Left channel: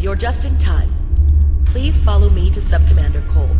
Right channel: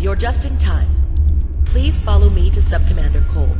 You're just in time. Please follow me to Sub-Commander Cole.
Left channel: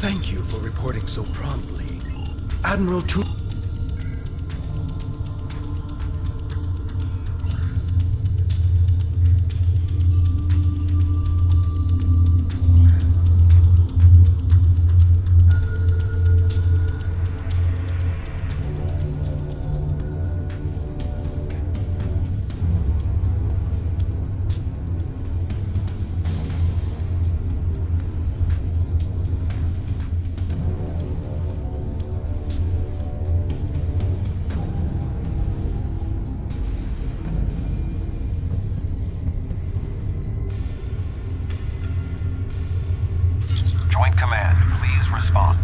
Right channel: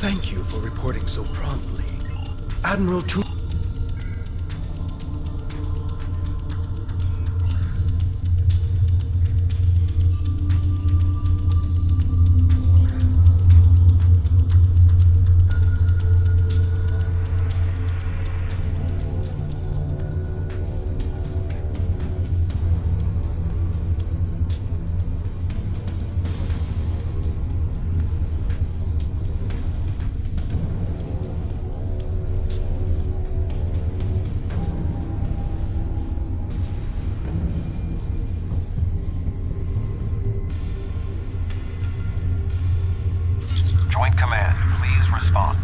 Thank you for reporting so promptly. Admiral Tu... Joint Command, please respond.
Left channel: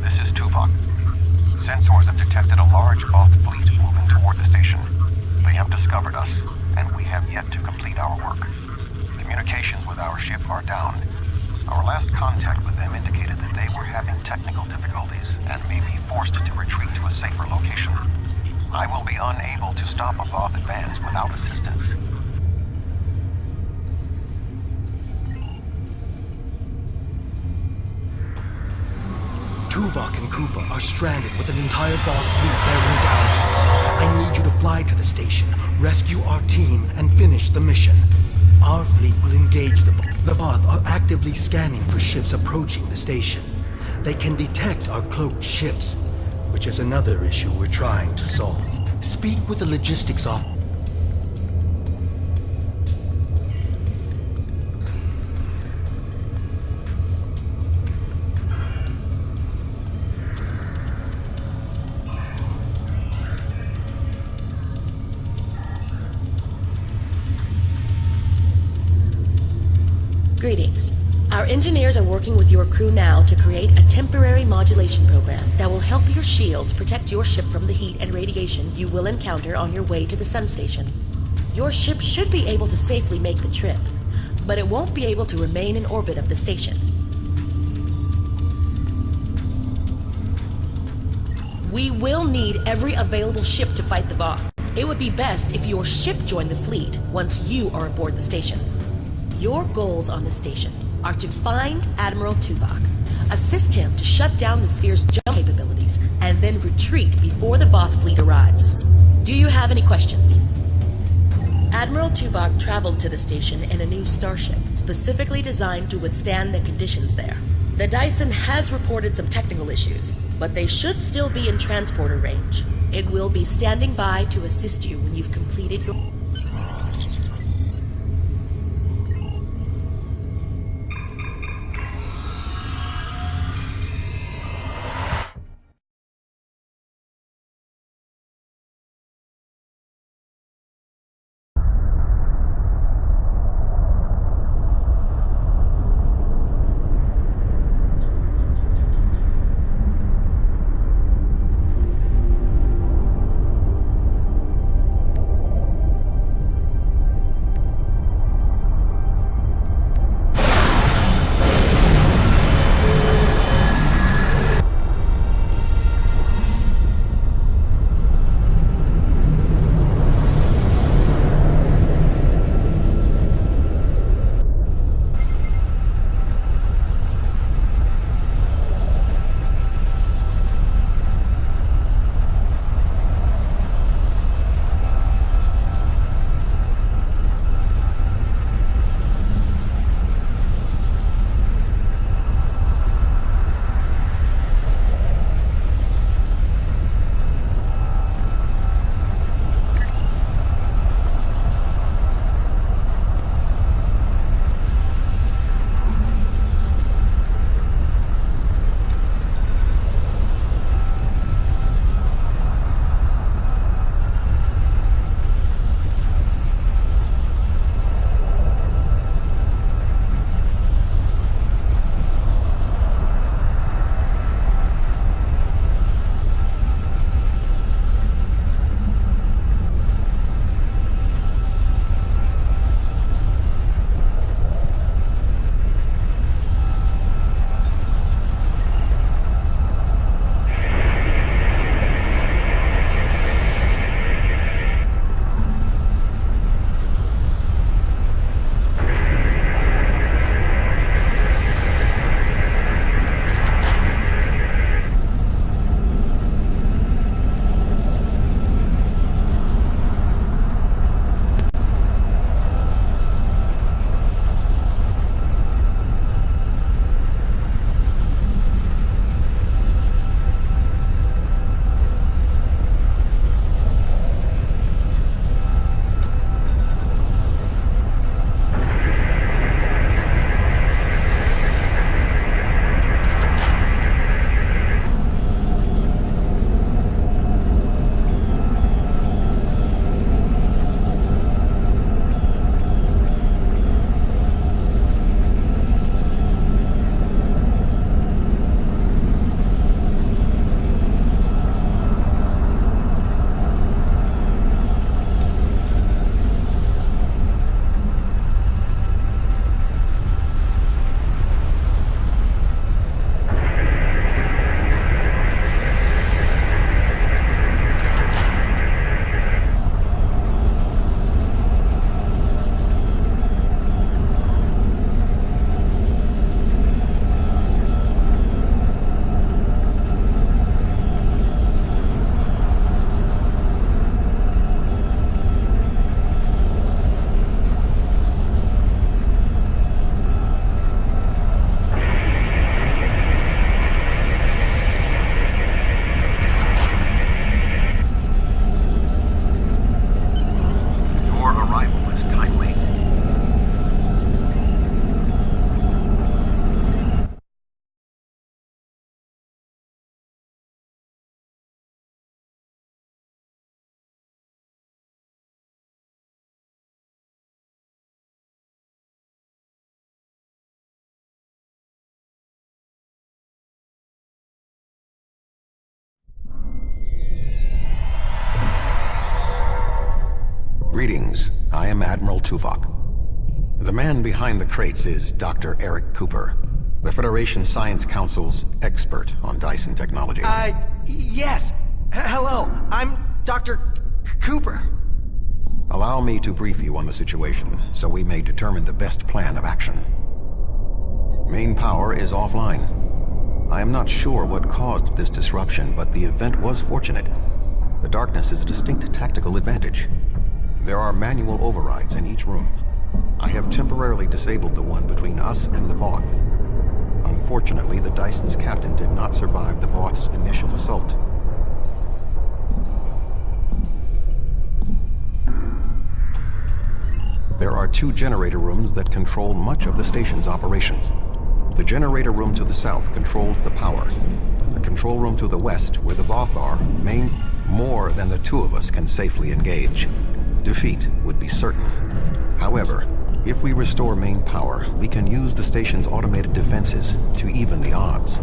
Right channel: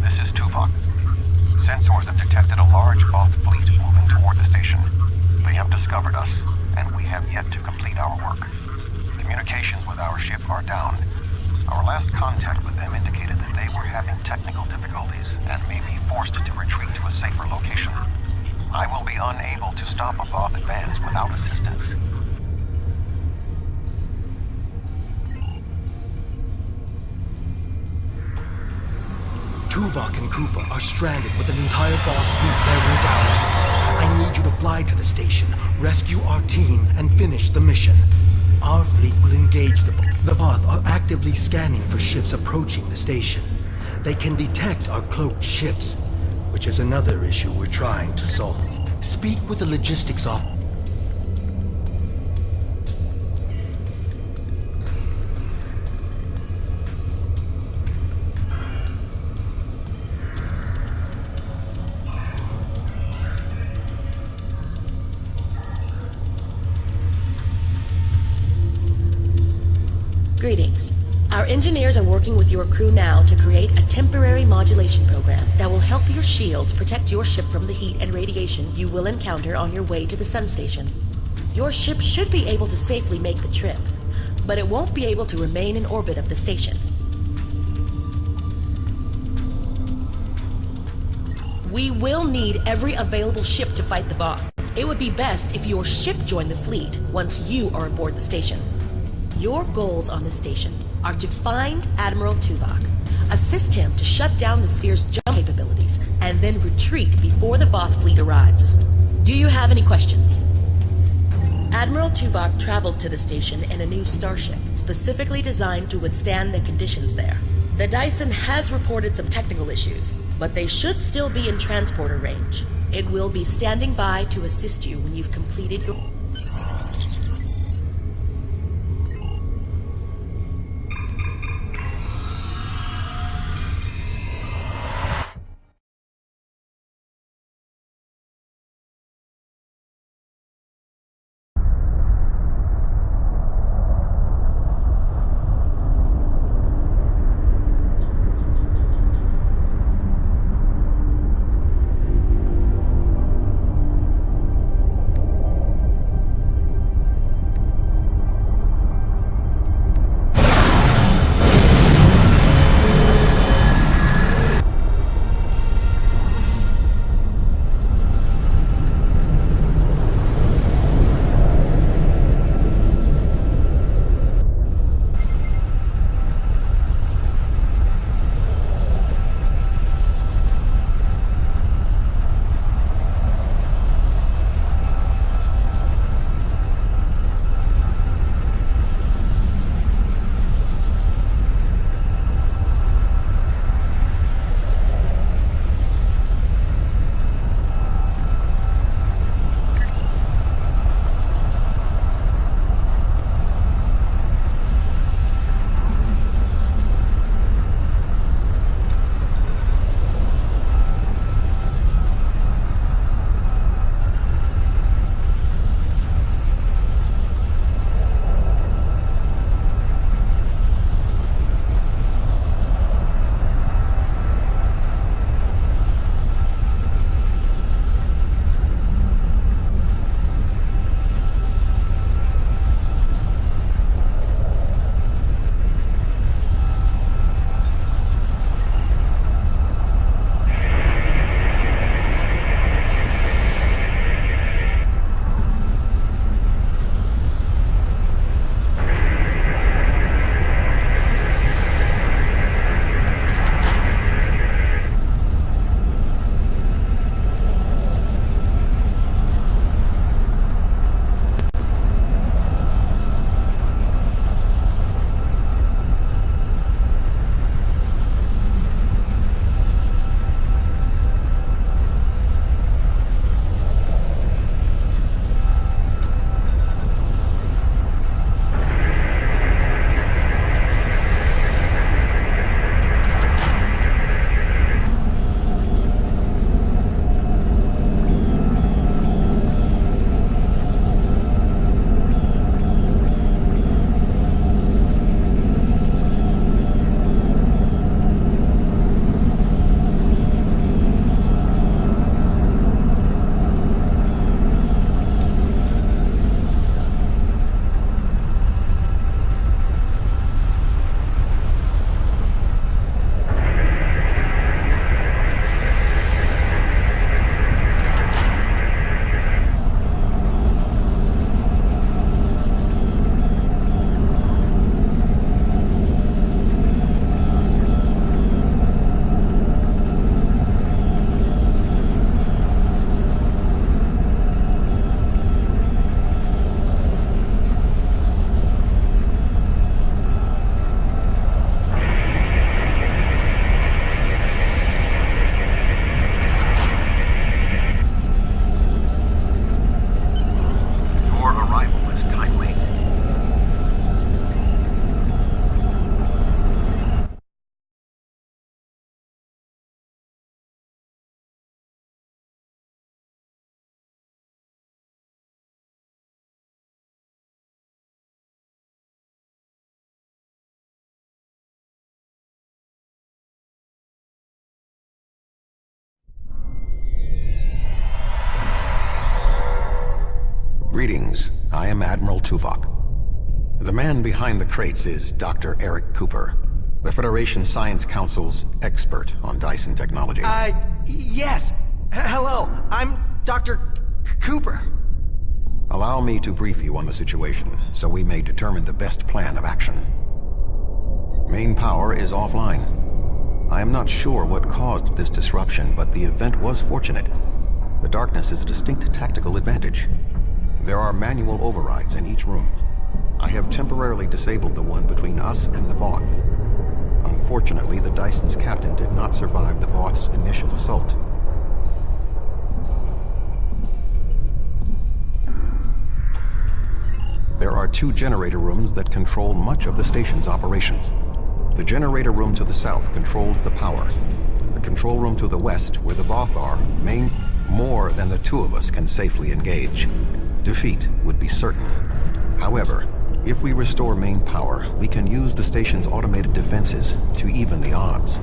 This is Tuvok. Sensors have detected a large Both fleet moving toward the station. They have discovered us, and we have yet to complete our work. Communications with our ship are down. Our last contact with them indicated that they were having technical difficulties and may be forced to retreat to a safer location. I will be unable to stop a Both advance without assistance. Tuvok and Koopa are stranded with an entire Voth fleet bearing down. I need you to fly to the station, rescue our team, and finish the mission. Our fleet will engage the Voth are actively scanning for ships approaching the station. They can detect our cloaked ships, which is another issue we're trying to solve. Speak with the logistics officer. Greetings. Our engineers are working with your crew now to create a temporary modulation program that will help your shields protect your ship from the heat and radiation you will encounter on your way to the sun station. Your ship should be able to safely make the trip, but it won't be able to remain in orbit of the station. We will need every available ship to fight the Voth. It would be best if your ship joined the fleet once you are aboard the station. Your goals on the station are to find Admiral Tuvok, assist him to shut down the sphere's jump capabilities, and then retreat before the Voth fleet arrives. Do you have any questions? Admiral Tuvok traveled to the station in a new starship, specifically designed to withstand the conditions there. The Dyson has reported some technical issues, but they should still be in transporter range. It will be standing by to assist you when you've completed your... Greetings, I am Admiral Tuvok. The man behind the crates is Dr. Eric Cooper, the Federation Science Council's expert on Dyson technology. Yes. Hello, I'm Dr. Cooper. Allow me to brief you on the situation, so we may determine the best plan of action. Main power is offline. I am not sure what caused this disruption, but the event was fortunate. The darkness is a distinct tactical advantage. There are manual overrides in each room. I have temporarily disabled the one between us and the Voth. Unfortunately, the Dyson's captain did not survive the Voth's initial assault. There are 2 generator rooms that control much of the station's operations. The generator room to the south controls the power. The control room to the west, where the Voth are, more than the 2 of us can safely engage. Defeat would be certain. However, if we restore main power, we can use the station's automated defenses to even the odds,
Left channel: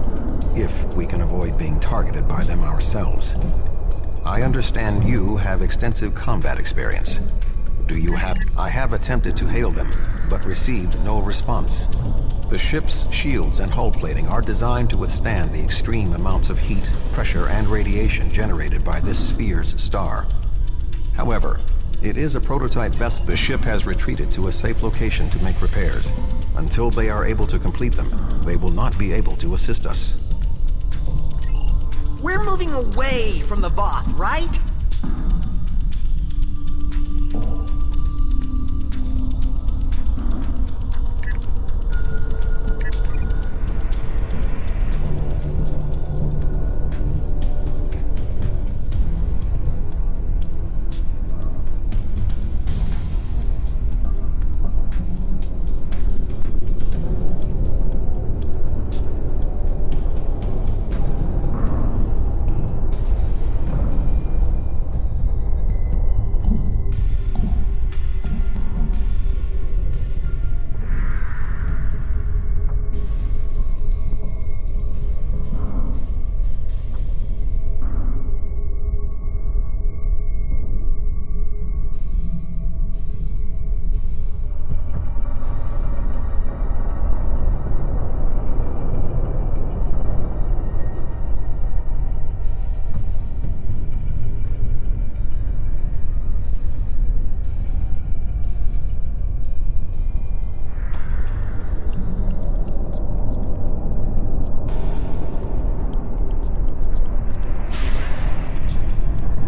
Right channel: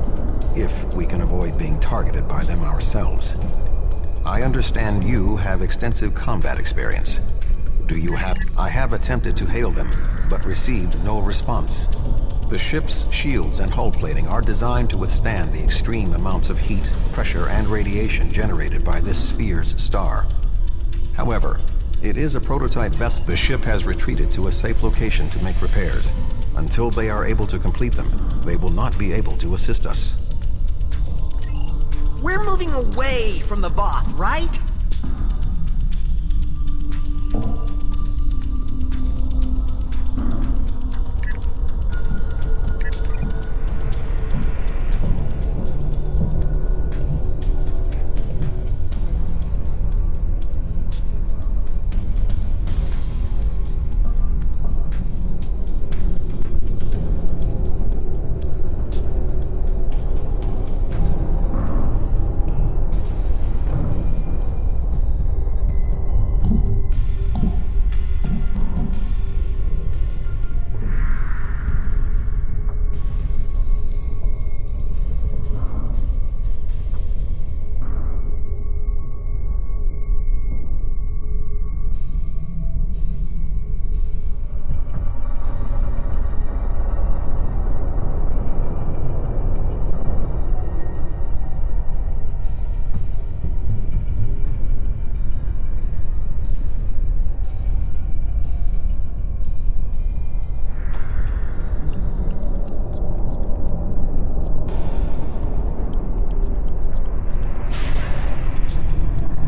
if we can avoid being targeted by them ourselves. I understand you have extensive combat experience. Do you have... I have attempted to hail them, but received no response. The ship's shields and hull plating are designed to withstand the extreme amounts of heat, pressure, and radiation generated by this sphere's star. However, it is a prototype vessel. The ship has retreated to a safe location to make repairs. Until they are able to complete them, they will not be able to assist us. We're moving away from the Voth, right?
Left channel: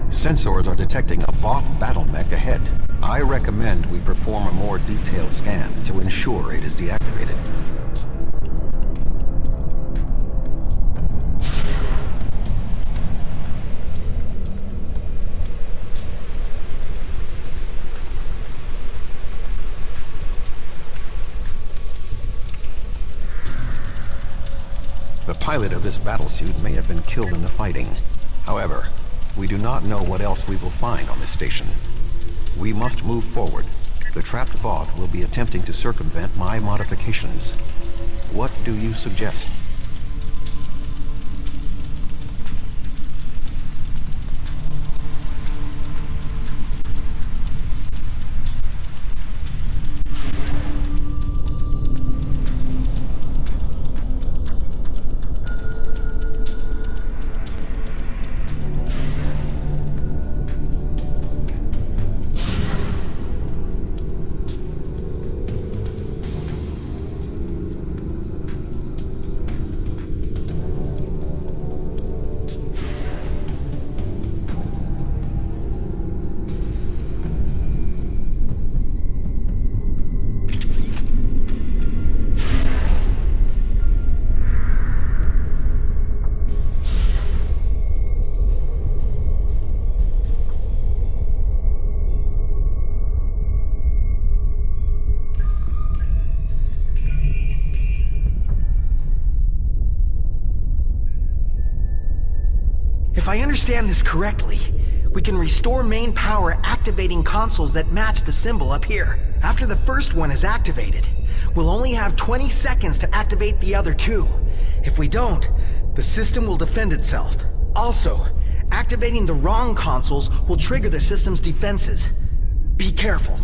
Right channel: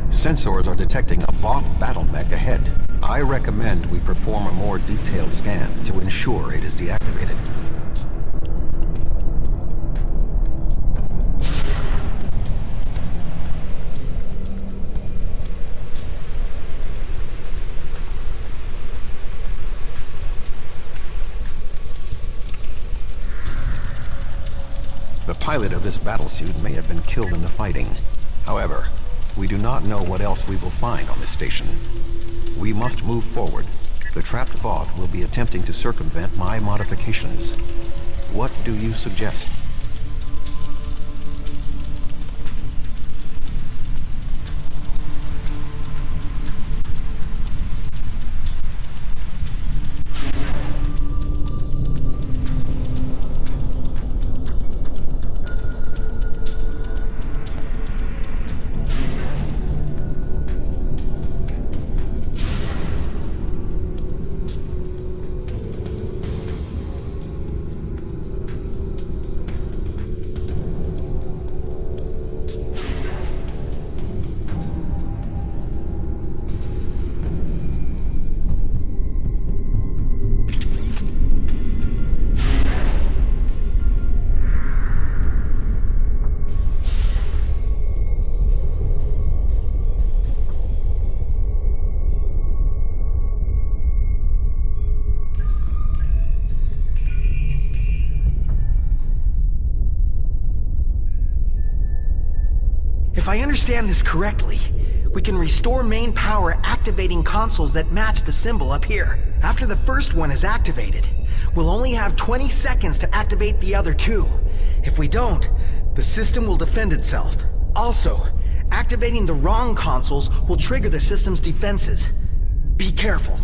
Sensors are detecting a Voth battle mech ahead. I recommend we perform a more detailed scan to ensure it is deactivated. The pilot of this battlesuit may have been killed in the fighting. However, we do not know what else we will find on this station. We must move forward. The trapped Voth will be attempting to circumvent my modifications. What do you suggest? If I understand this correctly, we can restore main power activating consoles that match the symbol up here. After the first one is activated, we'll only have 20 seconds to activate the other 2. If we don't, the system will defend itself. Also, activating the wrong consoles will trigger the system's defenses. Be careful.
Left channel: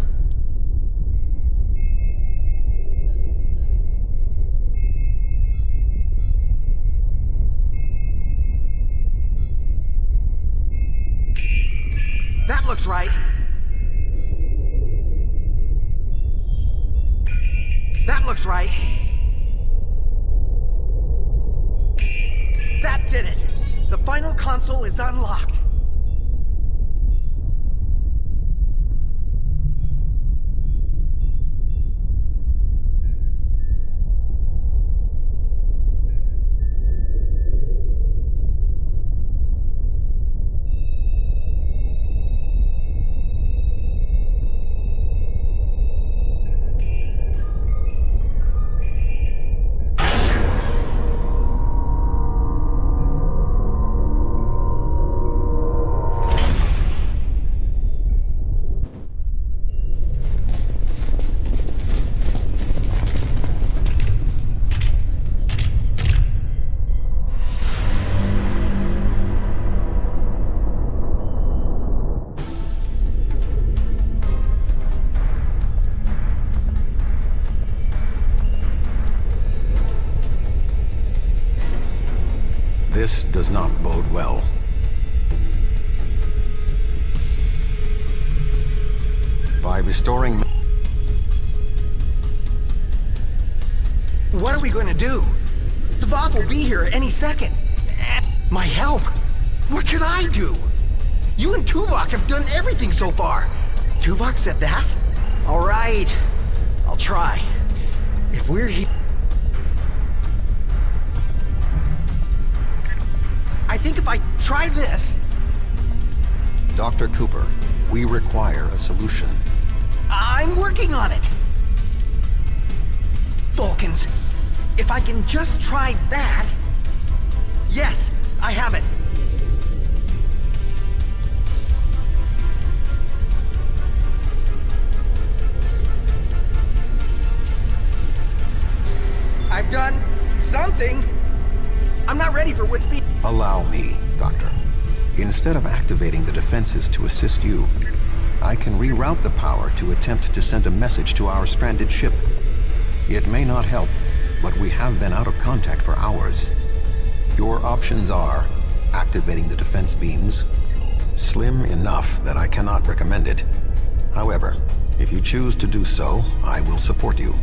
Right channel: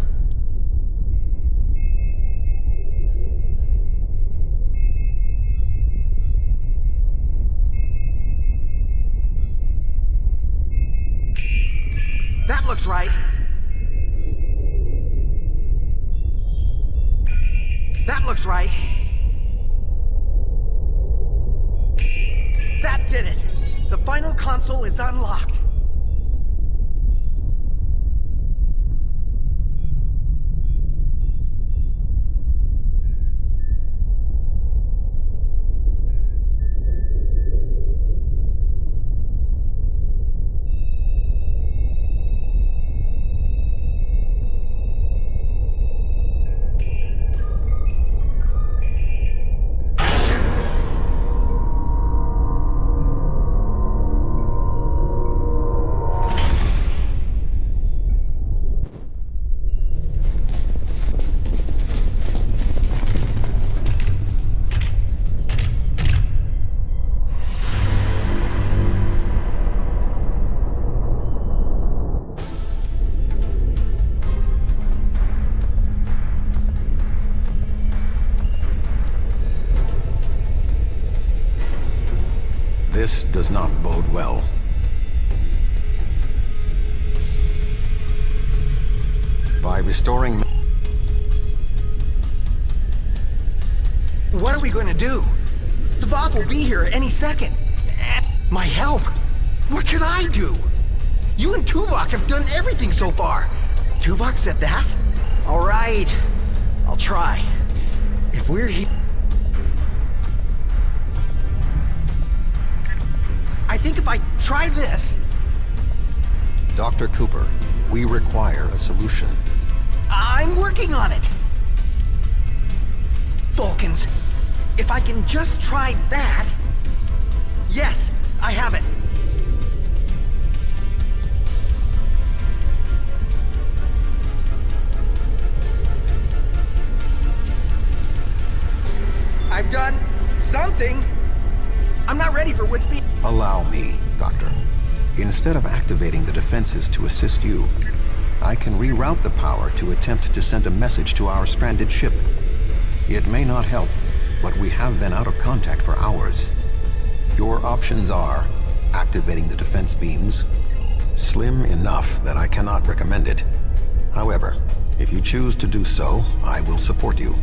That looks right. That looks right. That did it! The final console is unlocked. This does not bode well. By restoring... What are we going to do? The Voth will be here any second. My help? What could I do? You and Tuvok have done everything so far. Tuvok said that? All right. I'll try. If we're here... I think if I try this... Dr. Cooper, we require a solution. I'm working on it. Vulcans, if I can just try that... Yes, I have it. I've done something. I'm not ready for what's being... Allow me, Doctor. Instead of activating the defenses to assist you, I can reroute the power to attempt to send a message to our stranded ship. It may not help, but we have been out of contact for hours. Your options are activating the defense beams, slim enough that I cannot recommend it. However, if you choose to do so, I will support you.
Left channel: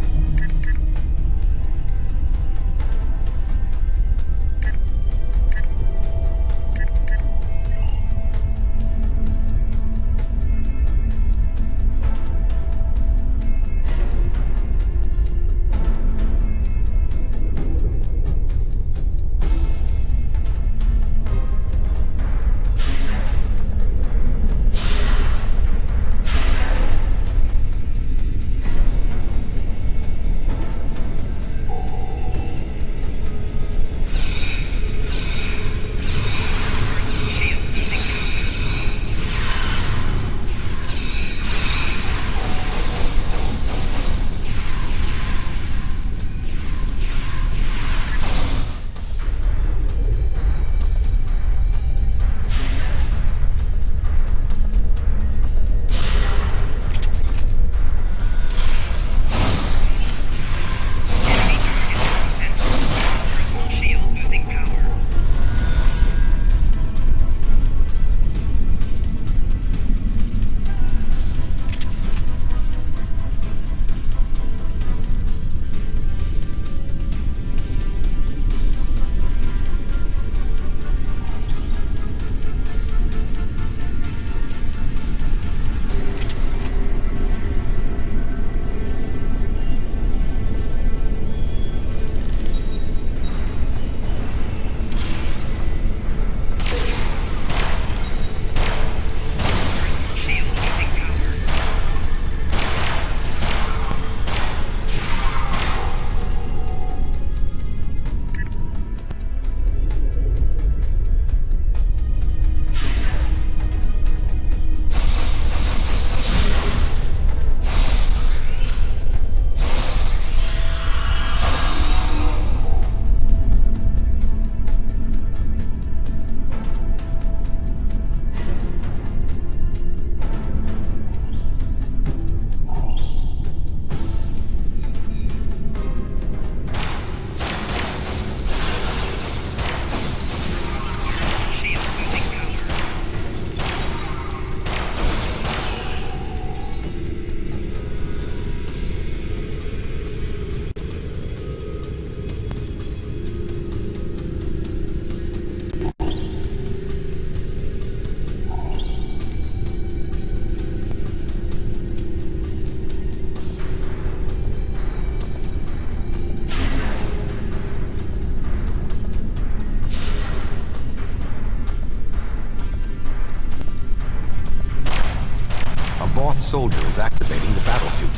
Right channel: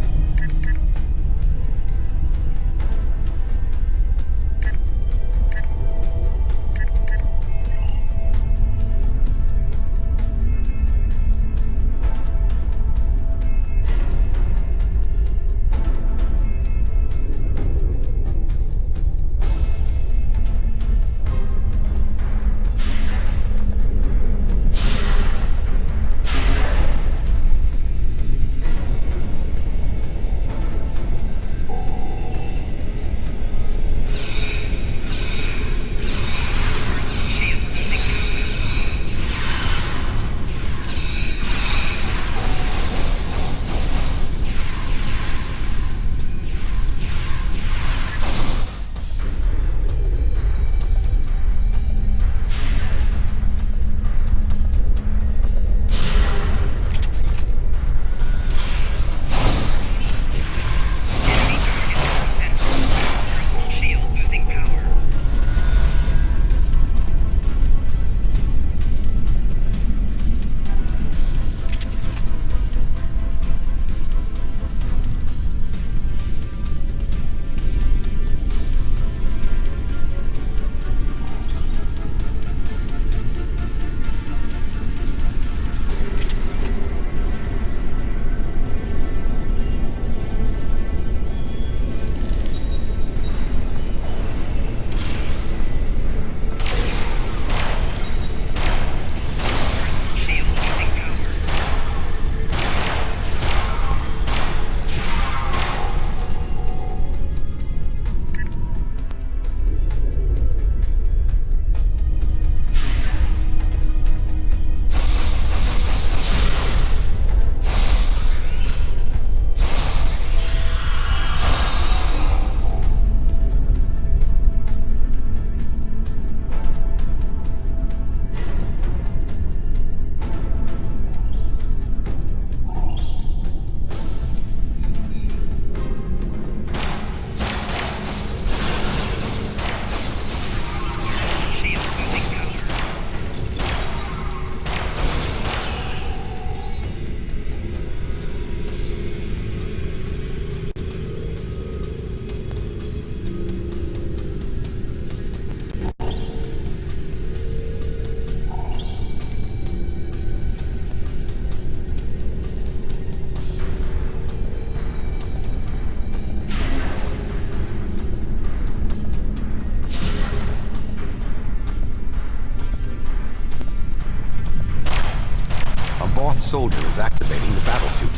A Voth soldier is activating the battlesuit.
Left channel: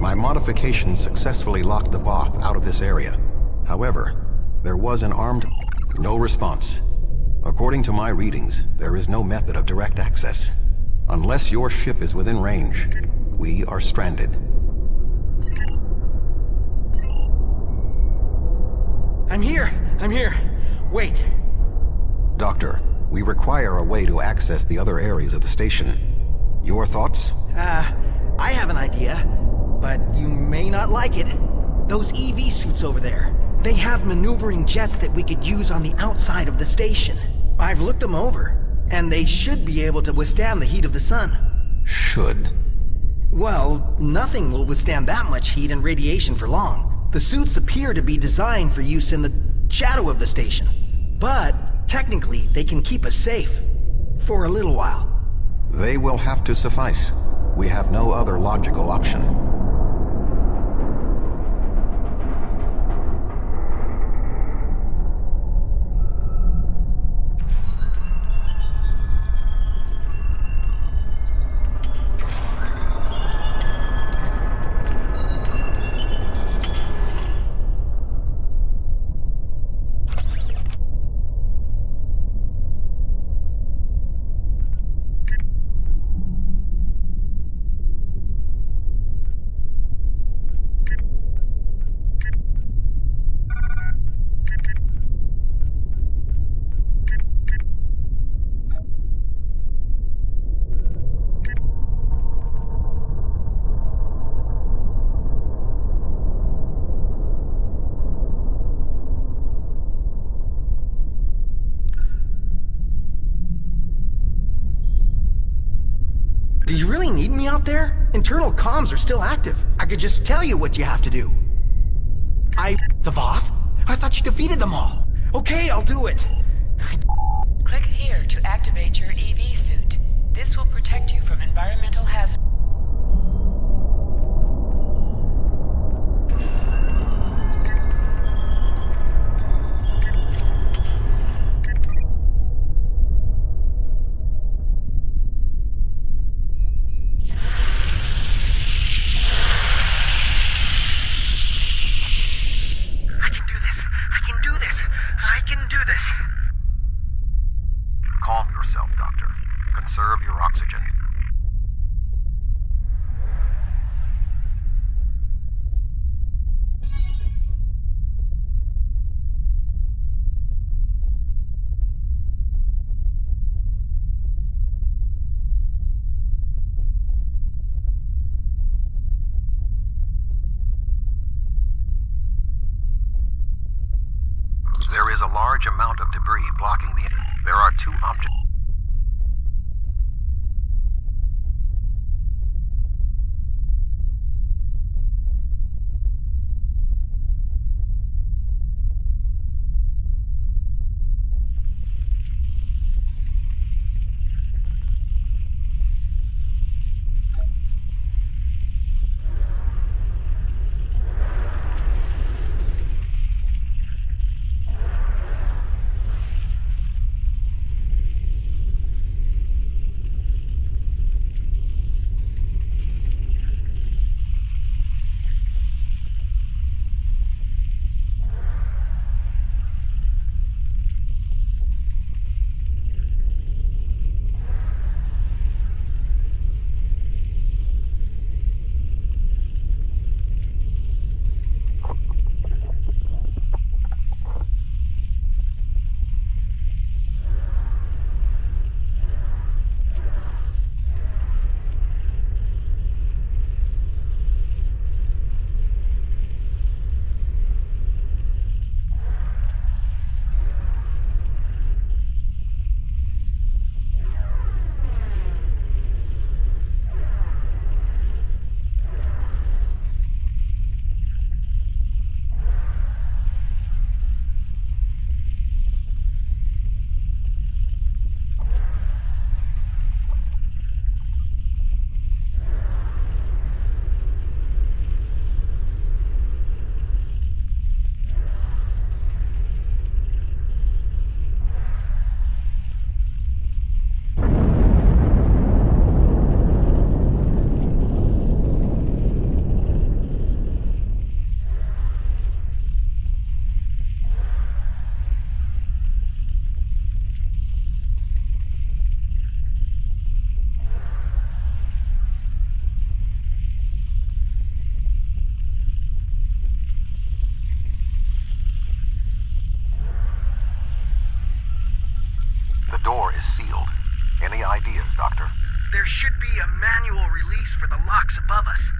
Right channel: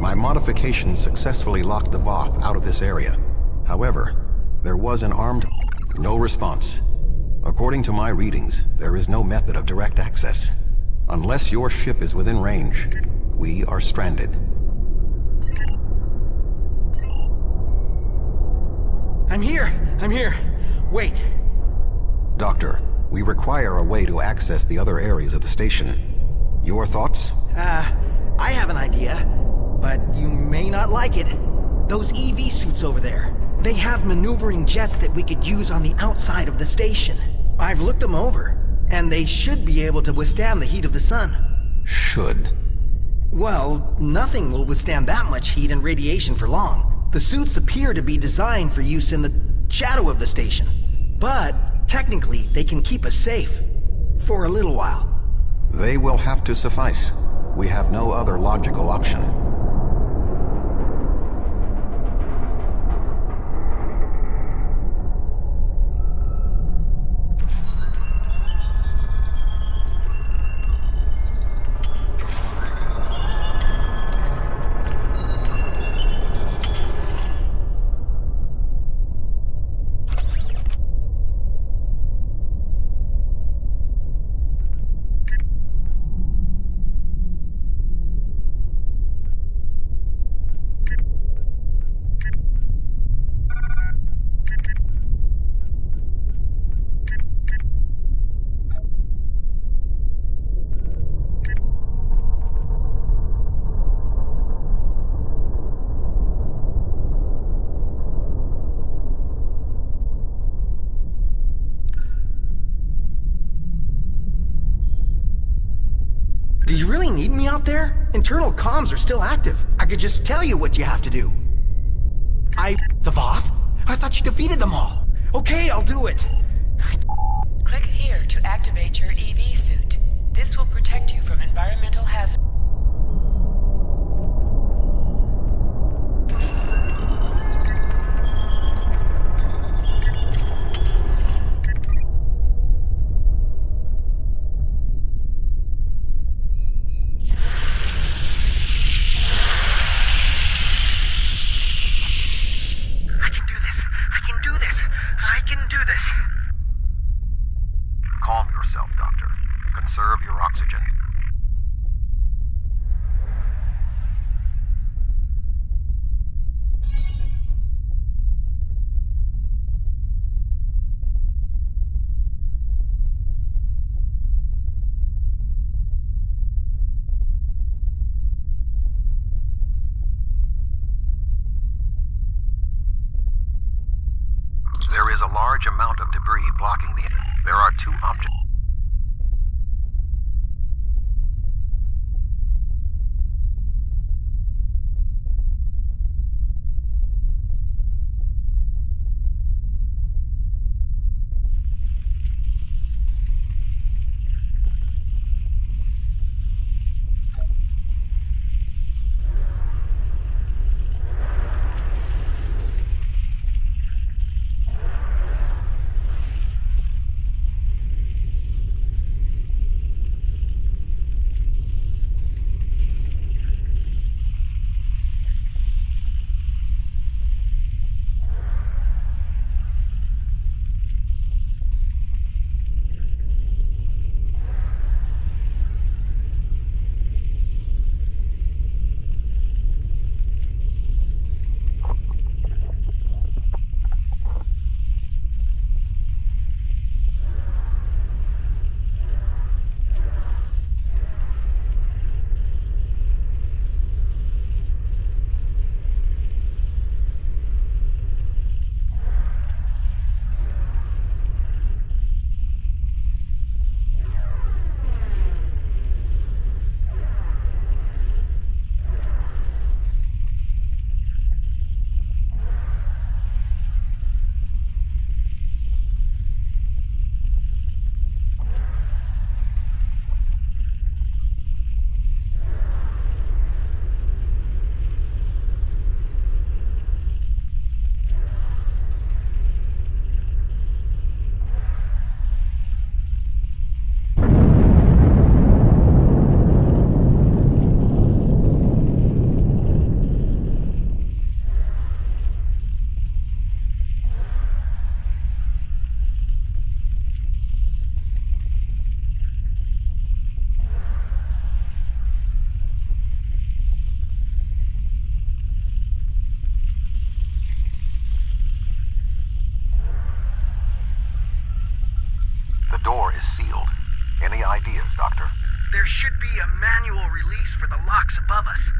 My modifications successfully locked the Voth out of this area. However, there was an armed... No response. According to my readings, there is no method of direct access. Unless your ship is within range, we are stranded. I'm here! Wait. Doctor, we require a way to access the other areas of the station. Your thoughts? I have an idea, but you may not like it. Those EV suits over there, they have maneuvering jets that we could use on the outside of the station. I've looked them over, and they should be able to withstand the heat of the sun. Should. Well, nothing will withstand that much heat and radiation for long. The suits appear to be designed for use in the shadow of the station. But, technically, they can keep us safe. For a little while. They will have to suffice. We have no other logical option. Do you really need me out there? Internal comms are still active. I could just tell you what you have to do. The Voth? I thought you defeated them all. Okay, I'll do it. Click here to activate your EV suit. This will protect you from environmental hazards. Calm yourself, Doctor. Conserve your oxygen. There is a large amount of debris blocking the... There are two objects. door is sealed. Any ideas, Doctor? There should be a manual release for the locks above us.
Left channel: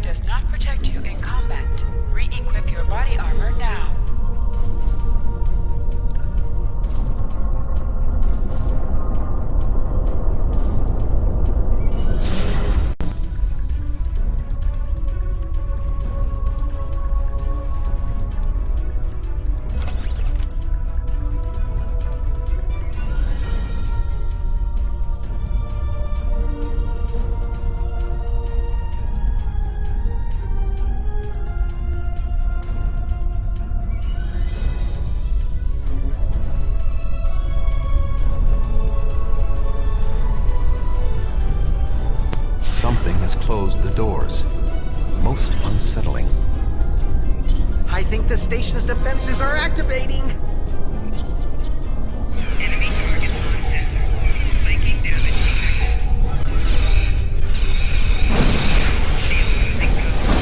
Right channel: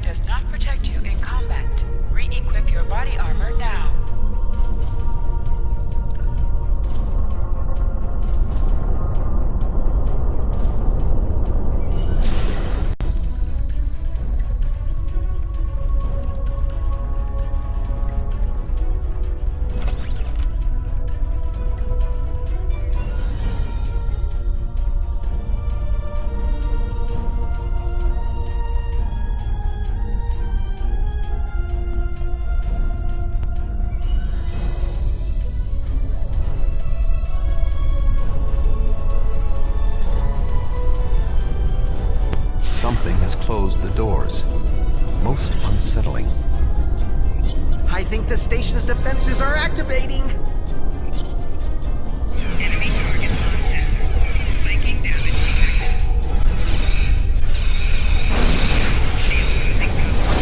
Does not protect you in combat. Re-equip your body armor now. Something has closed the doors. Most unsettling. I think the station's defenses are activating! Enemy target contact. Flanking damage detected. Shield losing power.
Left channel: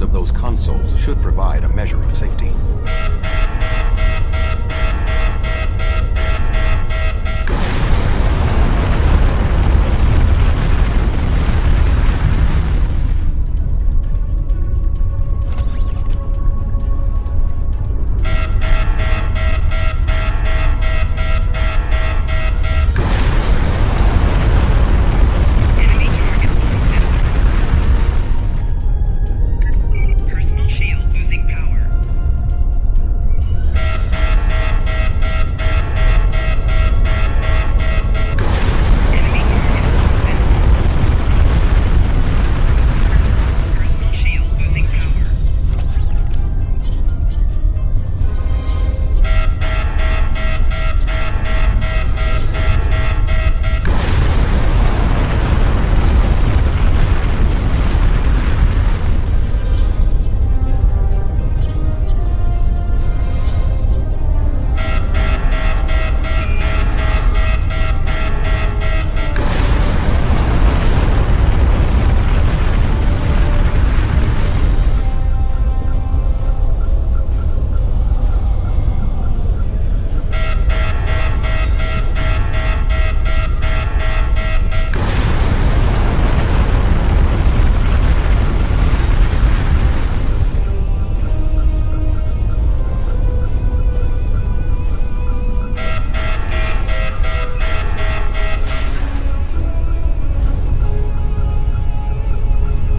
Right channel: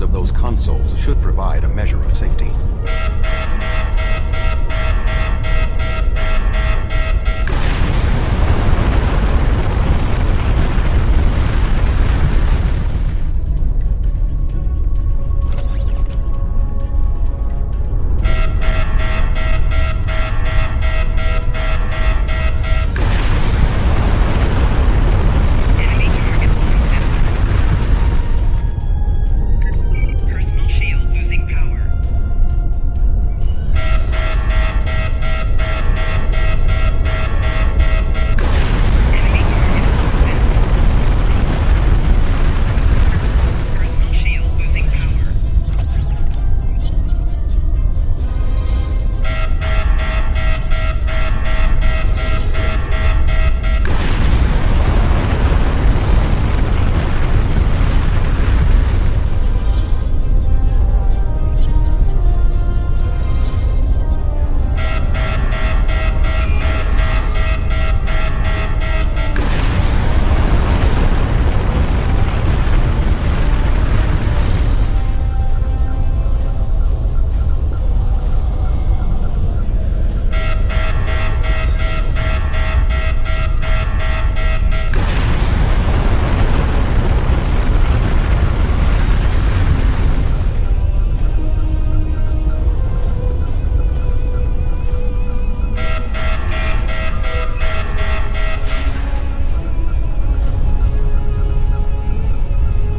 doors of those consoles should provide a measure of safety. Enemy target lost. Personal shield losing power. Enemy target lost. Personal shield losing power.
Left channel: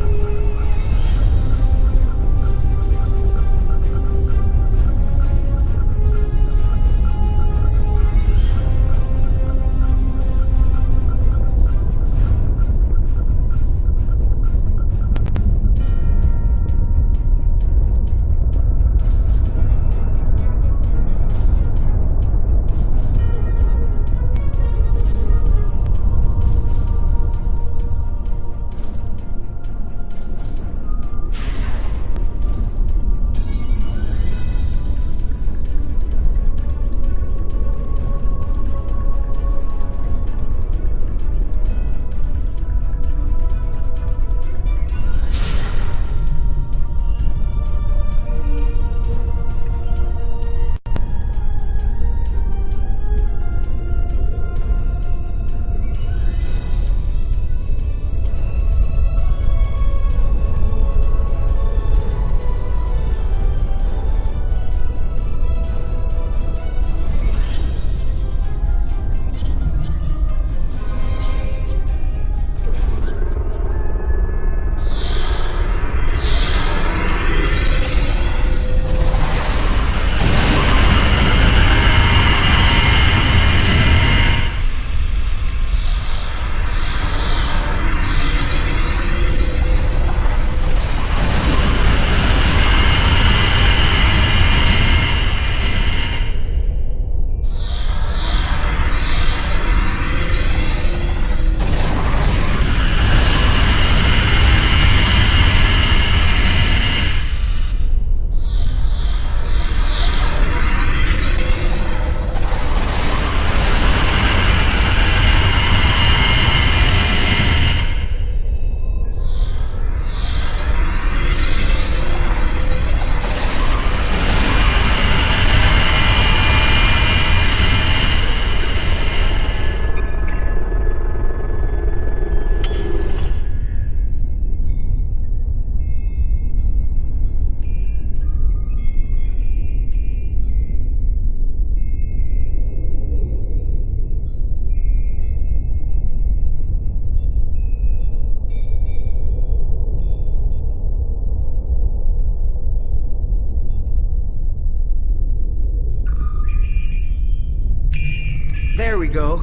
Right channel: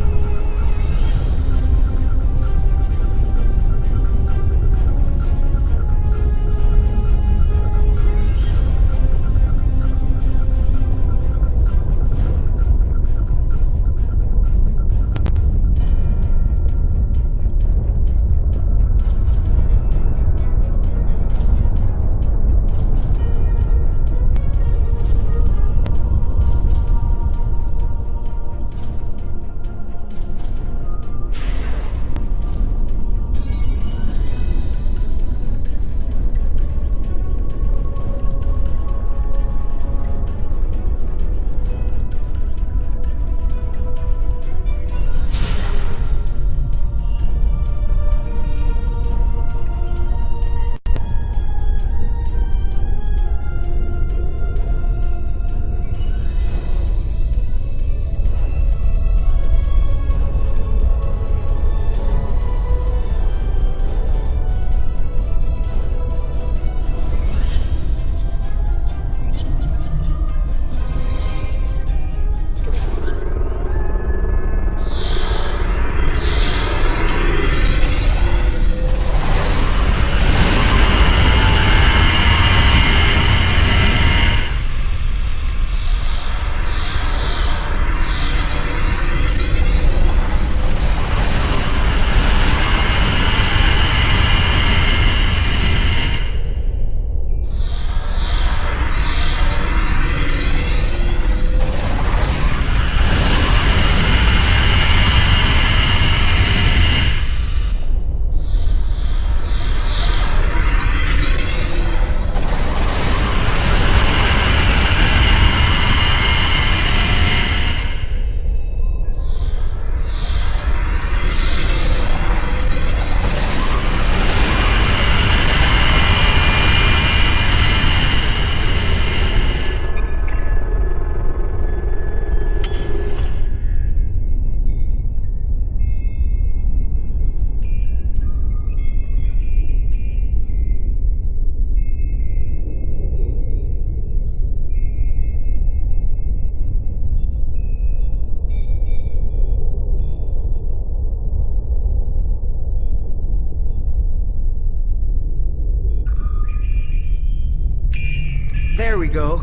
There we go.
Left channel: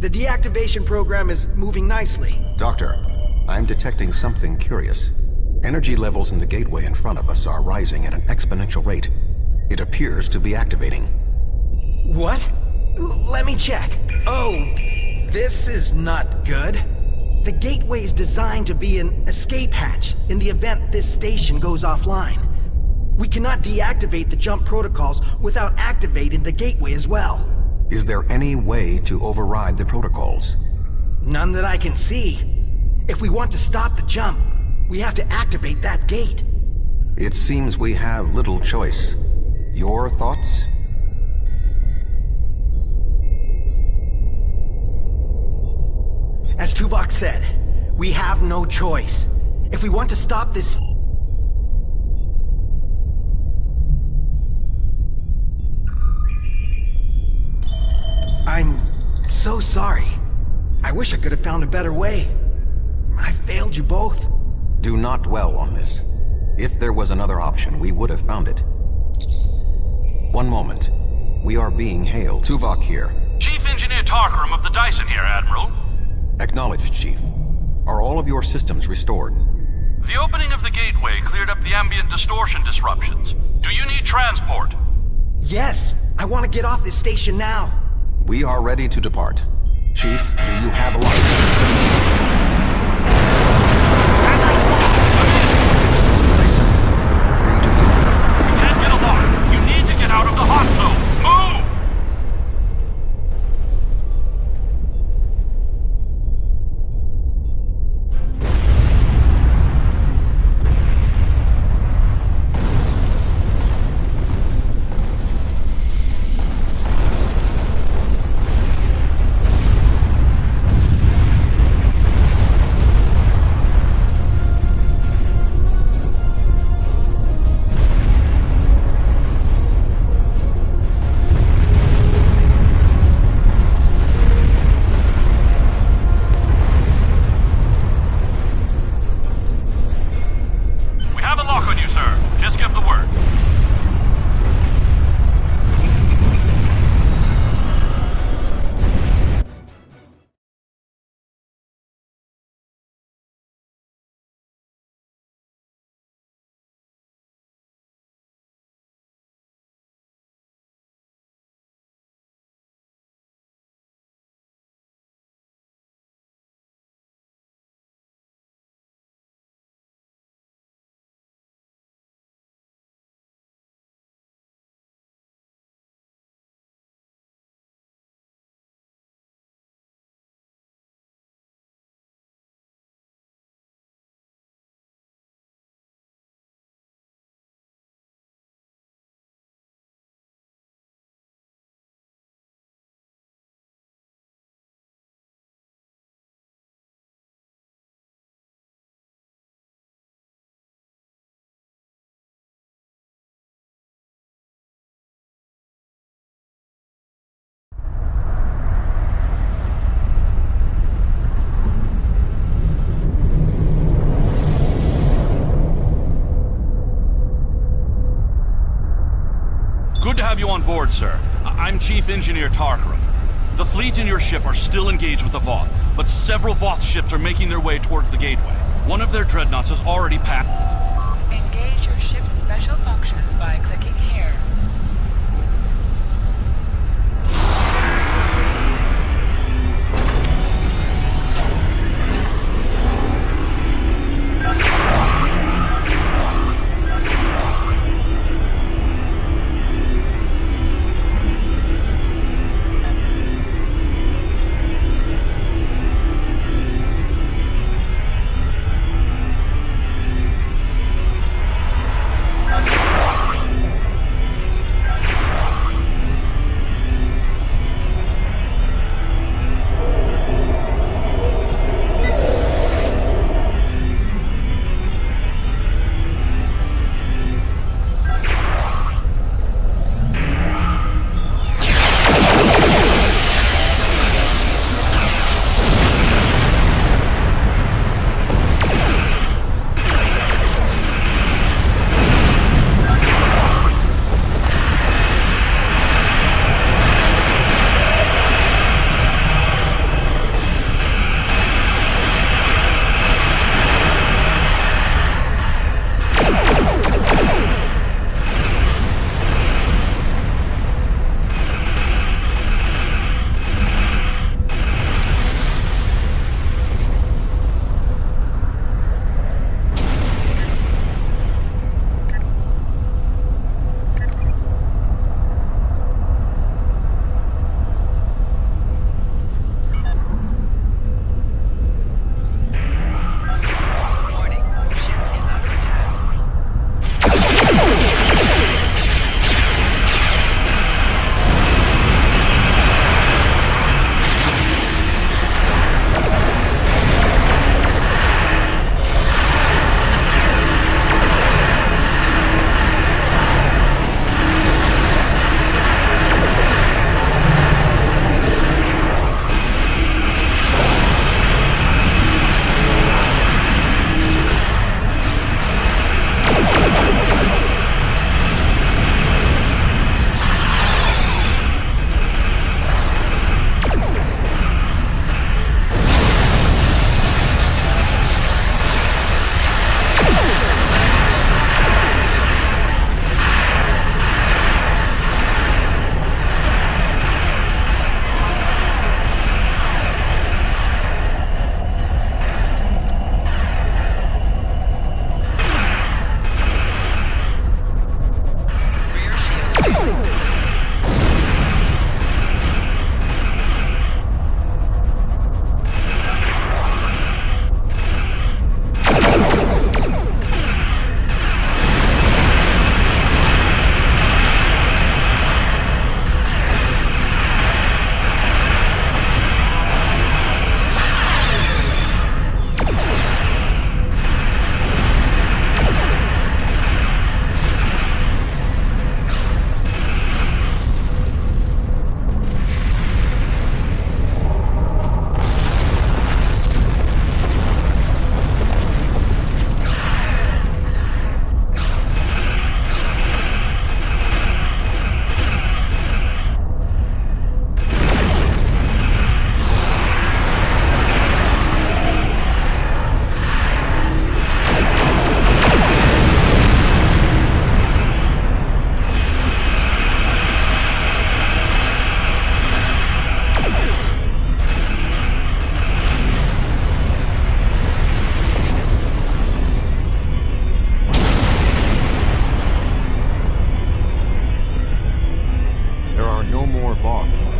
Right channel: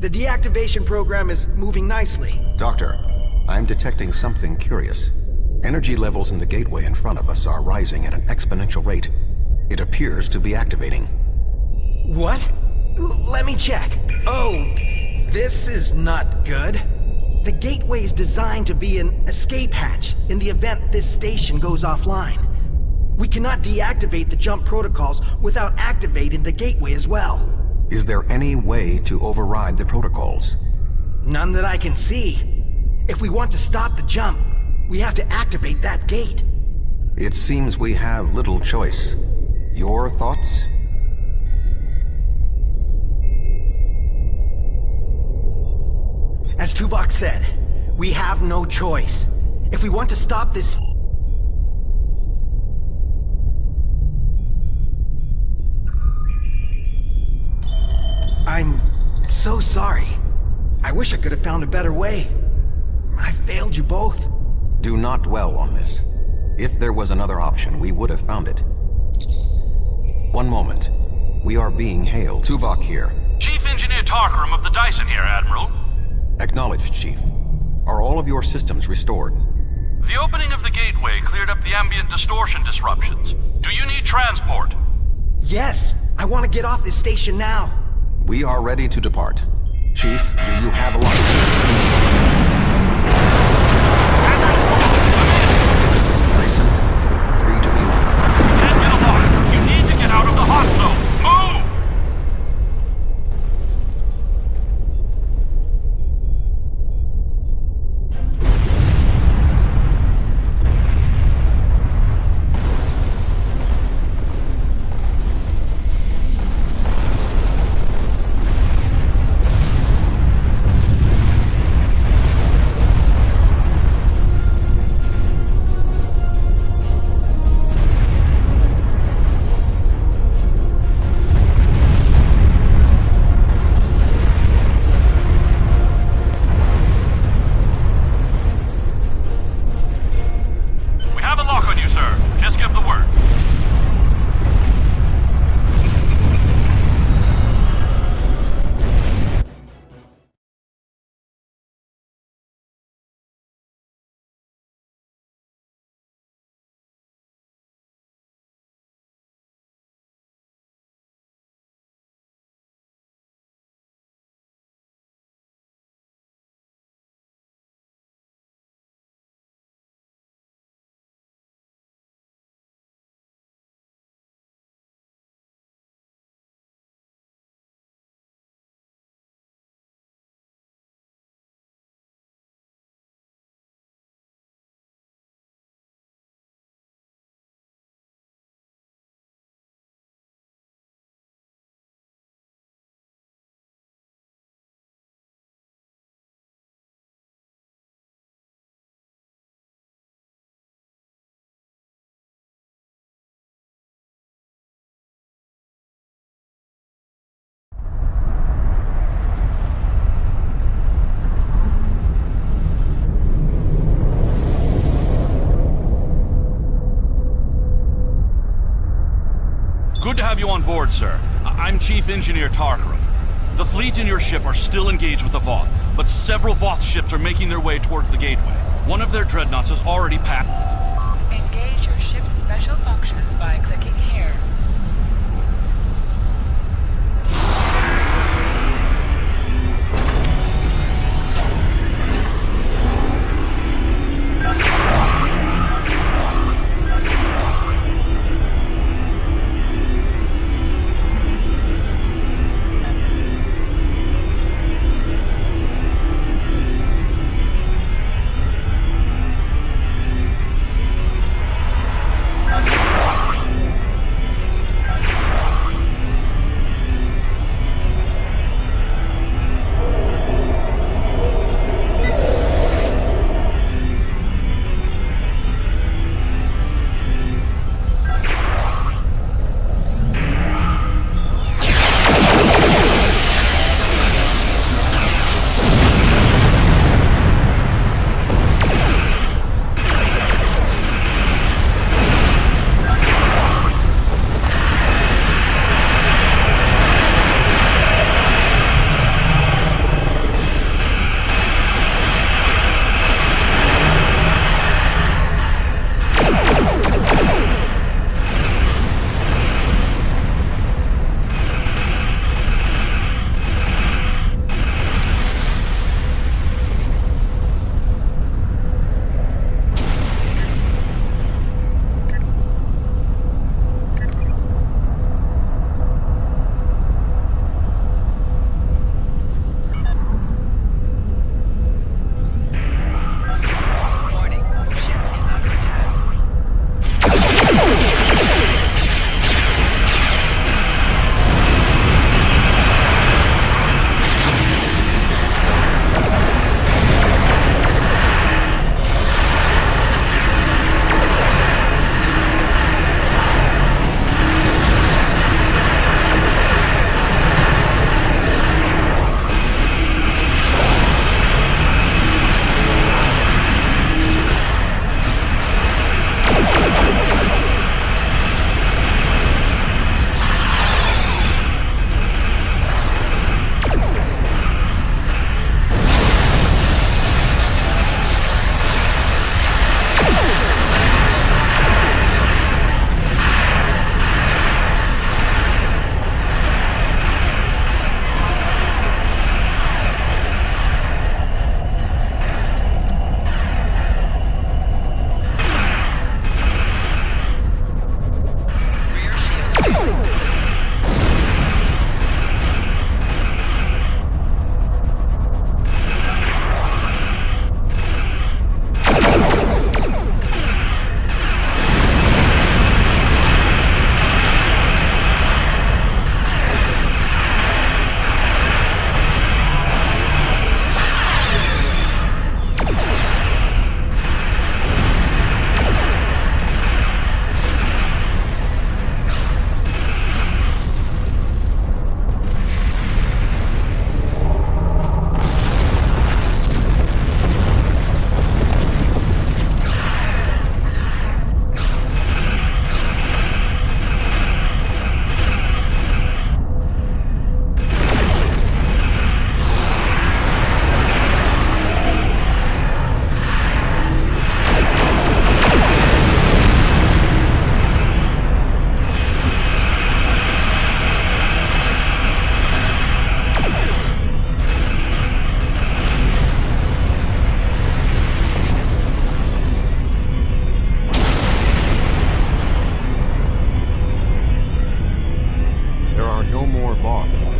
The deactivation program is moving nicely. Doctor, I'm detecting something curious. Energy levels in the gateway in front of us are rising at an exponential rate. It appears to be activating. What? Let me check. Oh, this is not good. The gateway is designed to be an escape hatch in the event this station goes offline. We cannot deactivate the jump protocols without activating the gateway as well. Is there any way to override the protocols? None that I can see. If we want to stop the jump, we have to activate that gate. It seems we have little choice. Your thoughts? As Tuvok said, we have no choice. If we want to stop this... I'm so sorry. I wish I could have found a better way. I failed you both. Do not dwell on this. If there was another option, we would have found it. One moment. We are being hailed. Tuvok here. Chief Engineer Tarkram of the Dyson here, Admiral. Acknowledged, Chief. Are all of your systems restored? The opening of the gateway cleared up the ambient distortion disruptions. Do you need transport? Yes, I want to get off this station now. We are ready to depart. Chief, do you have a lock? Dyson, 3 to be locked. You can't get a lock. You need to get out of the hot zone. Move! Good to have you on board, sir. I'm Chief Engineer Tarkram. The fleet and your ship are still engaged with the Voth, but several Voth ships are making their way towards the gateway. One of their dreadnoughts has already passed. Engage your ship's special functions by clicking here.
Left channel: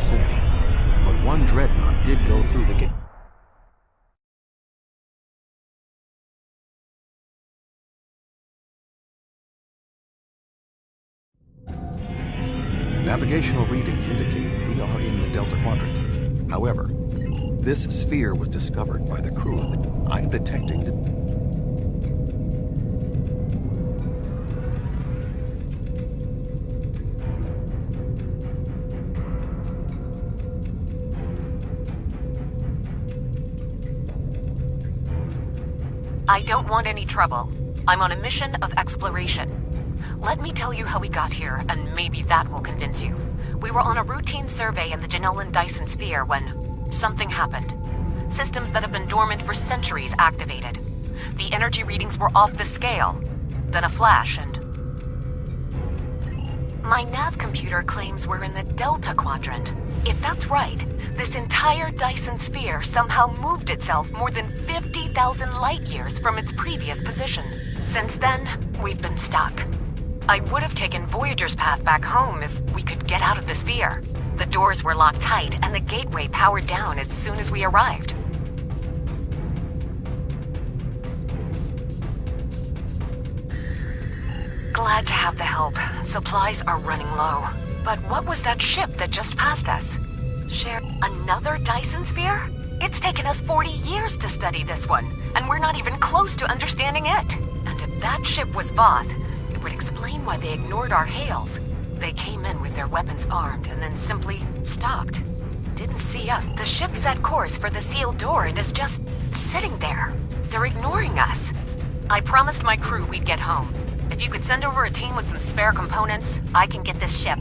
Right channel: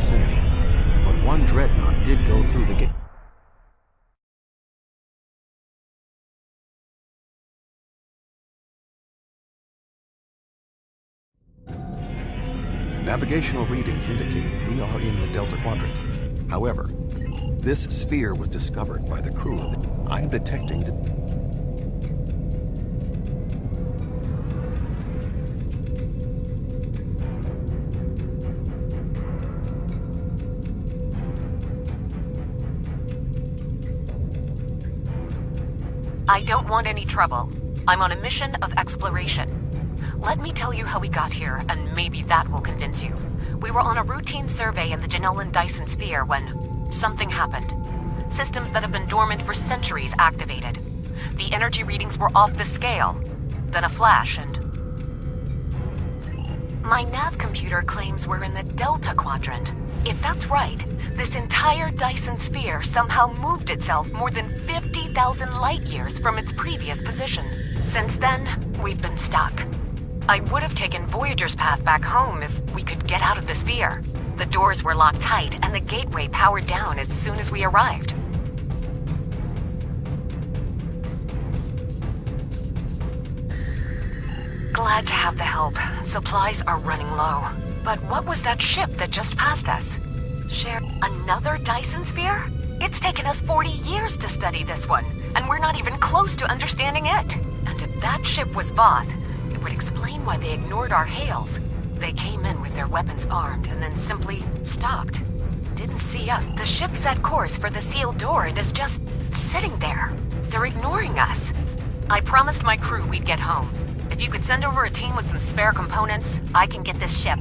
vicinity, but one dreadnought did go through the gate. Navigational readings indicate we are in the Delta Quadrant. However, this sphere was discovered by the crew of the... I am detecting... I don't want any trouble. I'm on a mission of exploration. Let me tell you how we got here, and maybe that will convince you. We were on a routine survey in the Janellan Dyson sphere when something happened. Systems that have been dormant for centuries activated. The energy readings were off the scale. Then a flash and... My nav computer claims we're in the Delta Quadrant. If that's right, this entire Dyson sphere somehow moved itself more than 50,000 light-years from its previous position. Since then, we've been stuck. I would have taken Voyager's path back home if we could get out of the sphere. The doors were locked tight and the gateway powered down as soon as we arrived. Glad to have the help. Supplies are running low. But what was that ship that just passed us? Another Dyson sphere? It's taken us 40 years to study this one, and we're not even close to understanding it. And if that ship was Voth, it would explain why they ignored our hails. They came in with their weapons armed and then simply stopped. Didn't see us. The ship set course for the sealed door and is just sitting there. They're ignoring us. I promised my crew we'd get home. If you could send over a team with some spare components, I can get this ship.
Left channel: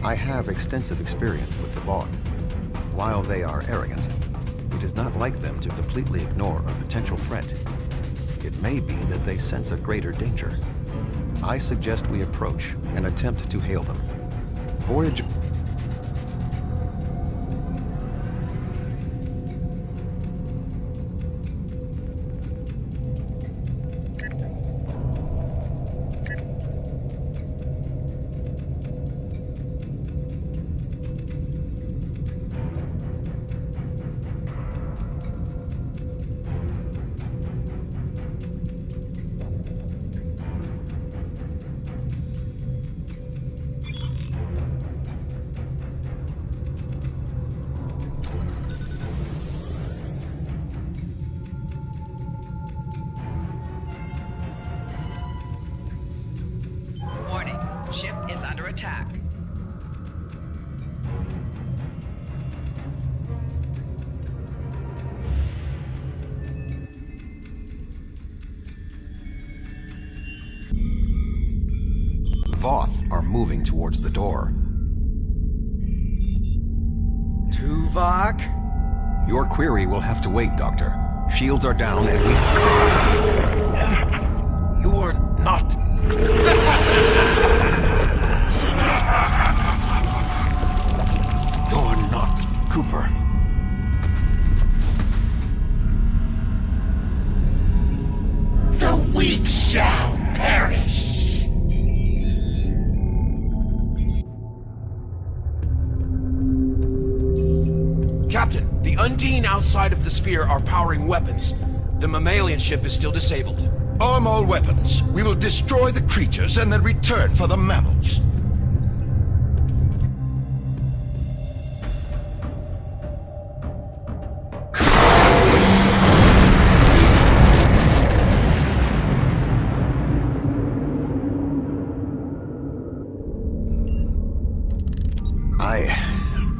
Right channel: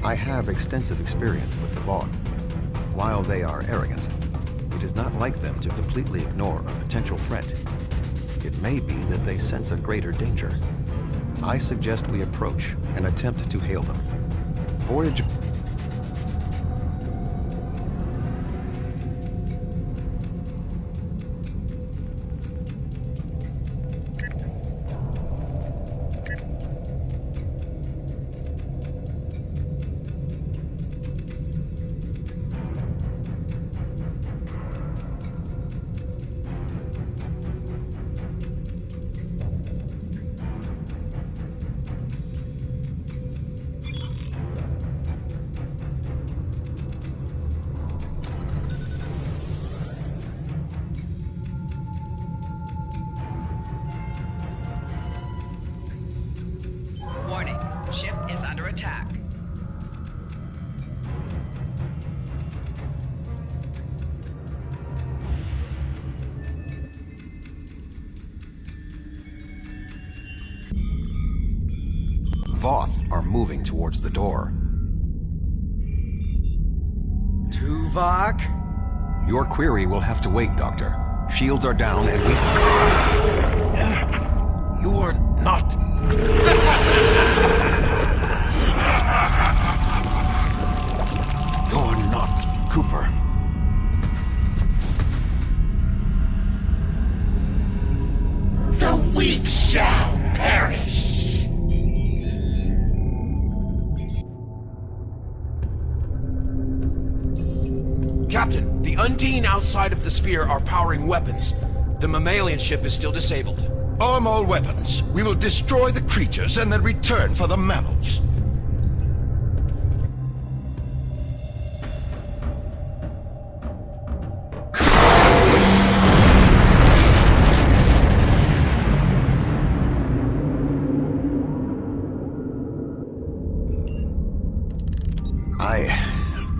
I have extensive experience with the Voth. While they are arrogant, it is not like them to completely ignore a potential threat. It may be that they sense a greater danger. I suggest we approach and attempt to hail them. Voyager... Warning, ship is under attack. Voth are moving towards the door. Tuvok? Your query will have to wait, Doctor. Shields are down and we... You are not... You're not Cooper. The weak shall perish! Captain, the Undine outside of the sphere are powering weapons. The mammalian ship is still disabled. Arm all weapons. We will destroy the creatures and then return for the mammals.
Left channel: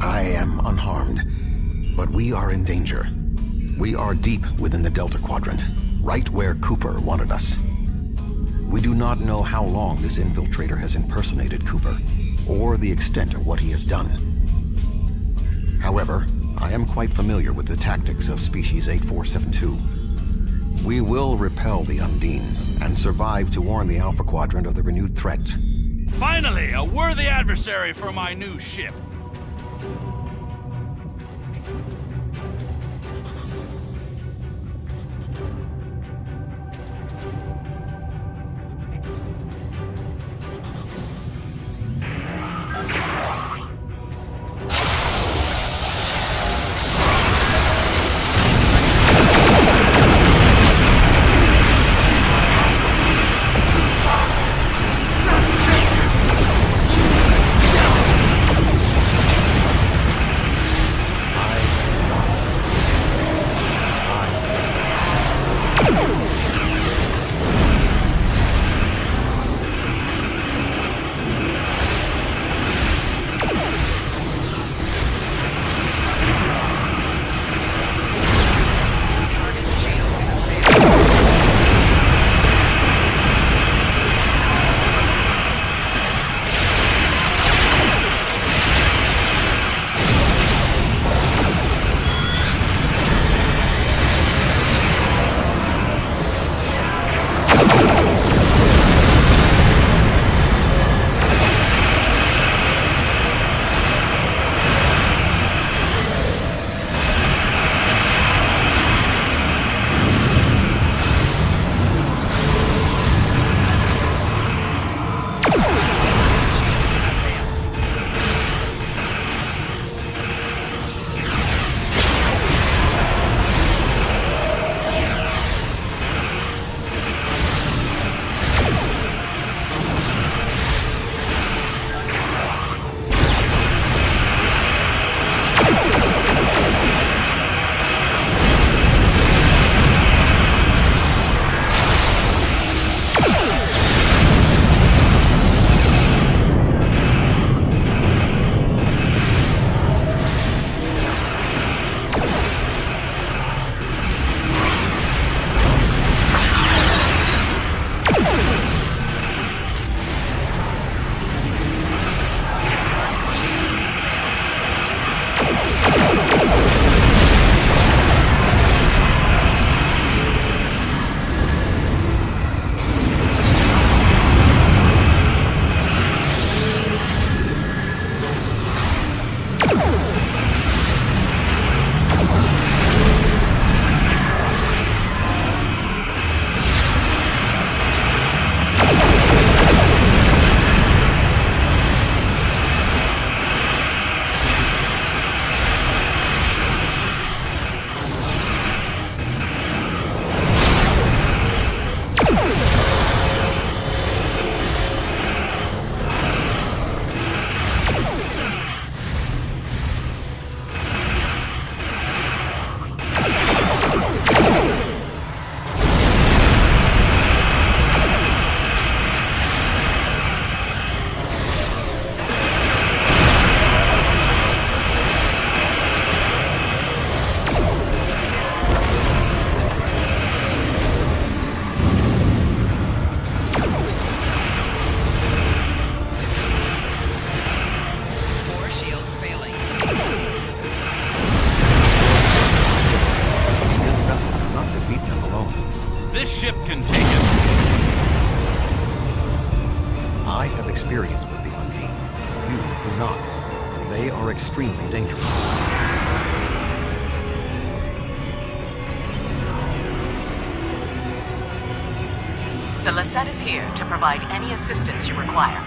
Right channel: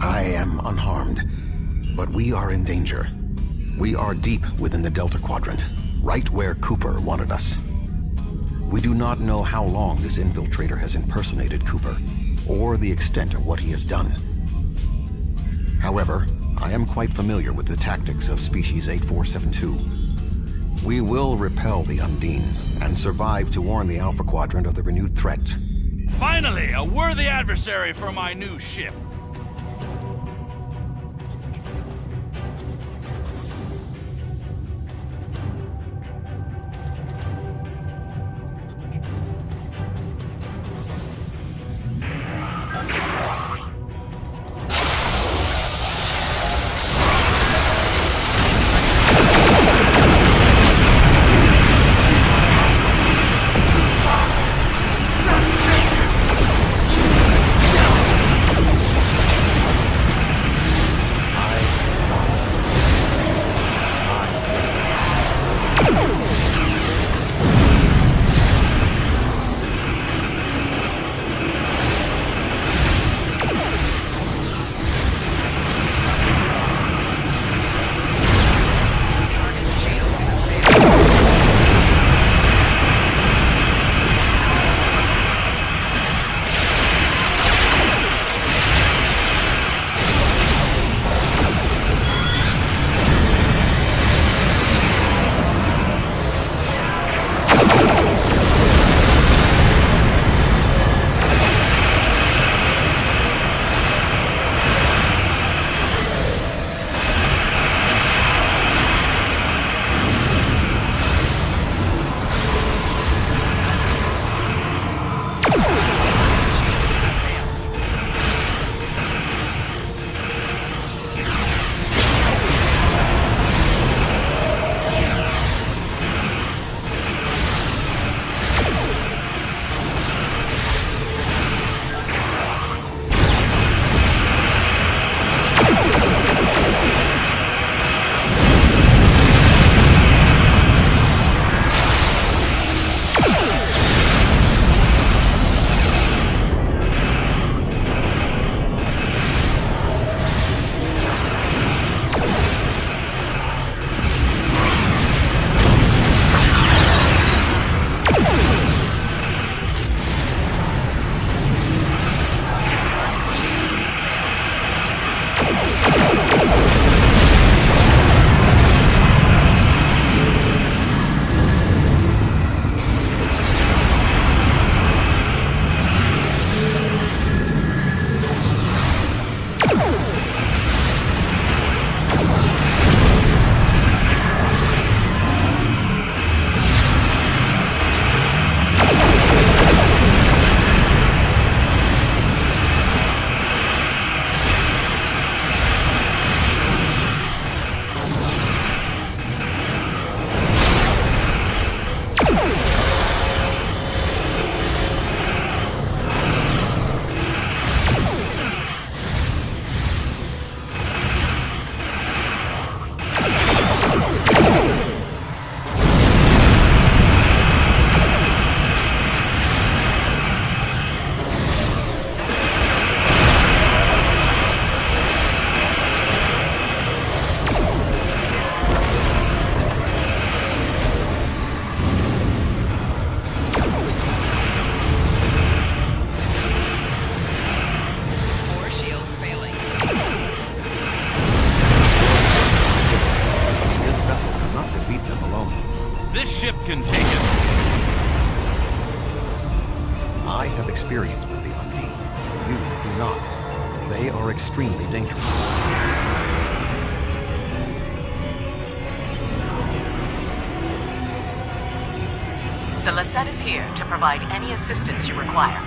I am unharmed, but we are in danger. We are deep within the Delta Quadrant, right where Cooper wanted us. We do not know how long this infiltrator has impersonated Cooper, or the extent of what he has done. However, I am quite familiar with the tactics of Species 8472. We will repel the Undine, and survive to warn the Alpha Quadrant of the renewed threat. Finally, a worthy adversary for my new ship. I have experience with the Undine. You do not. They are extremely dangerous. The Lisette is here to provide any assistance you require.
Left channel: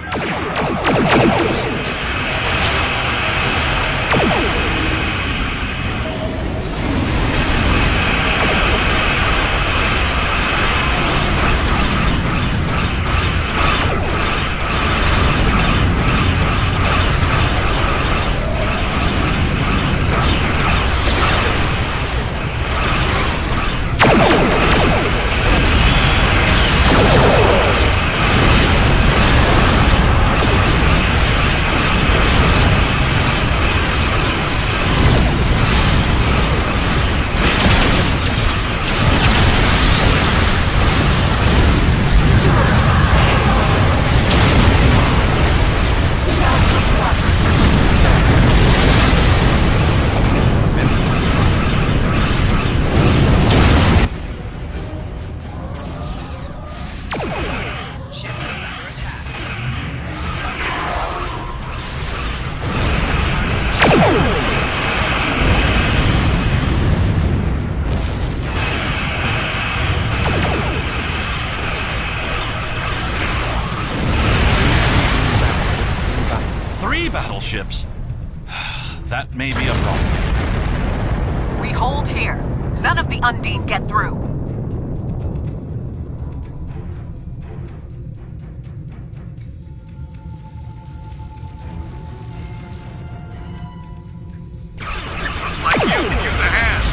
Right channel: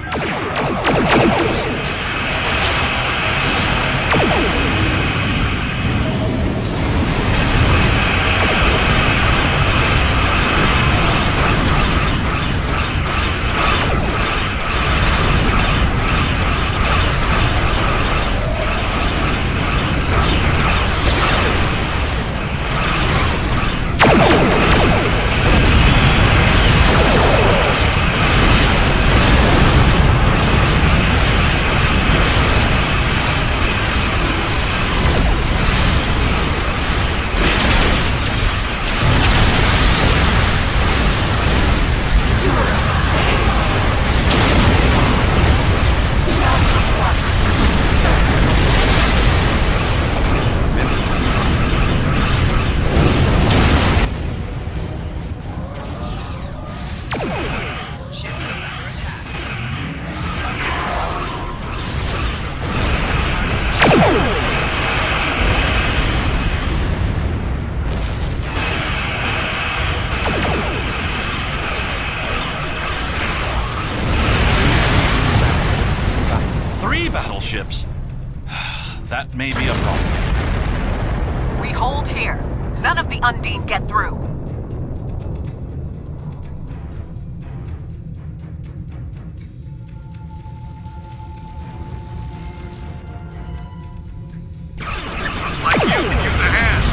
Battleships? That may be a problem. We hold here. None of the Undine get through. Looks like you can use a hand.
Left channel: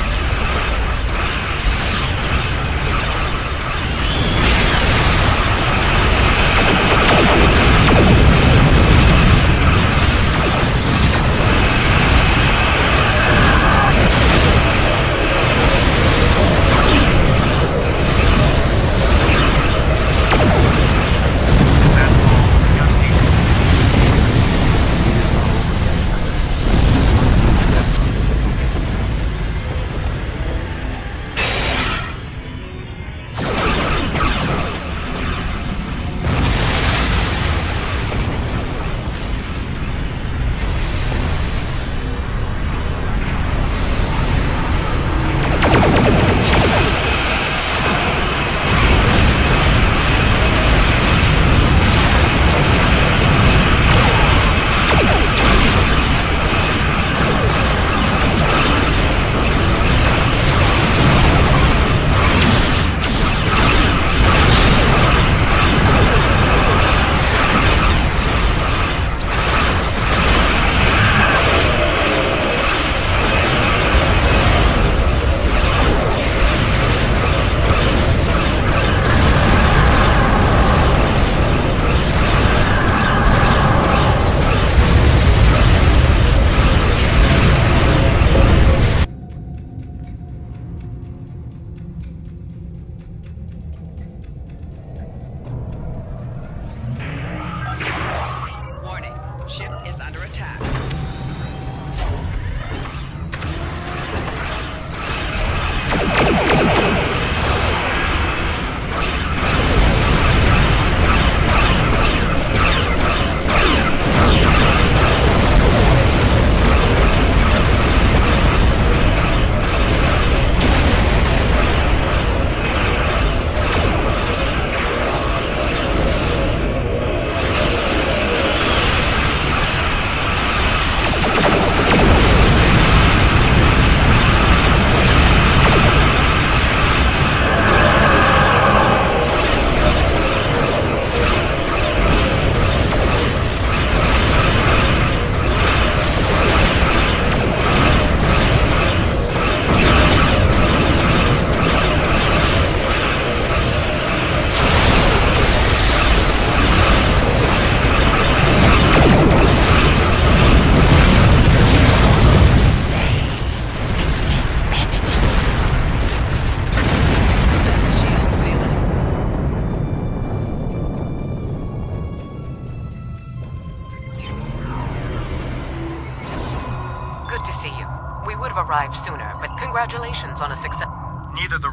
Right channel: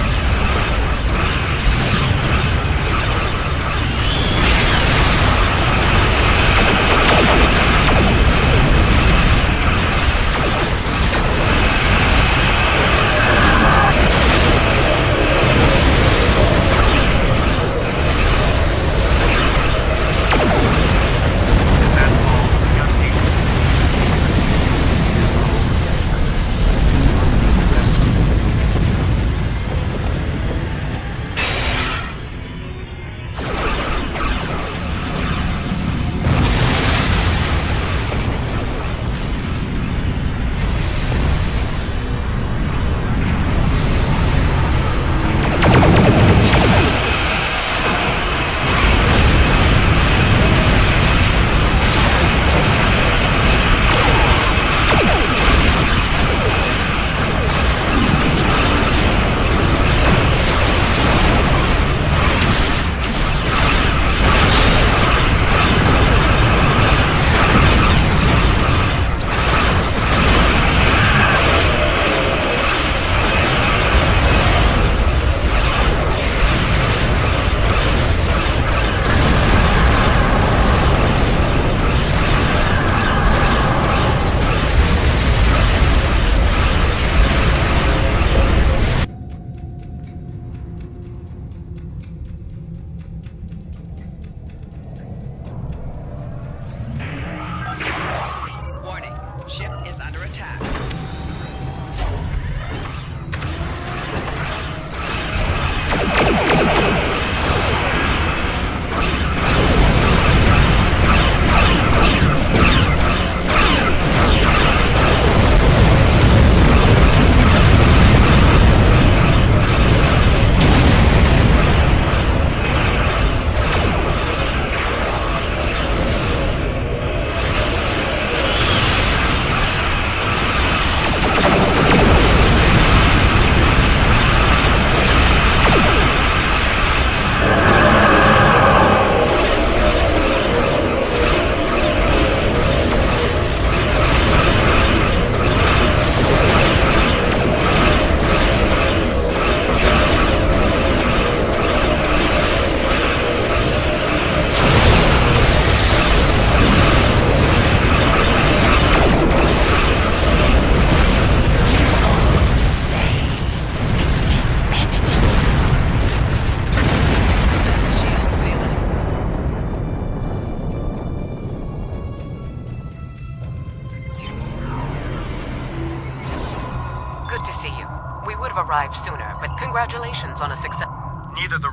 Warning, ship is under attack. Good to see you. We would have arrived sooner, but congratulations on a success. Neither the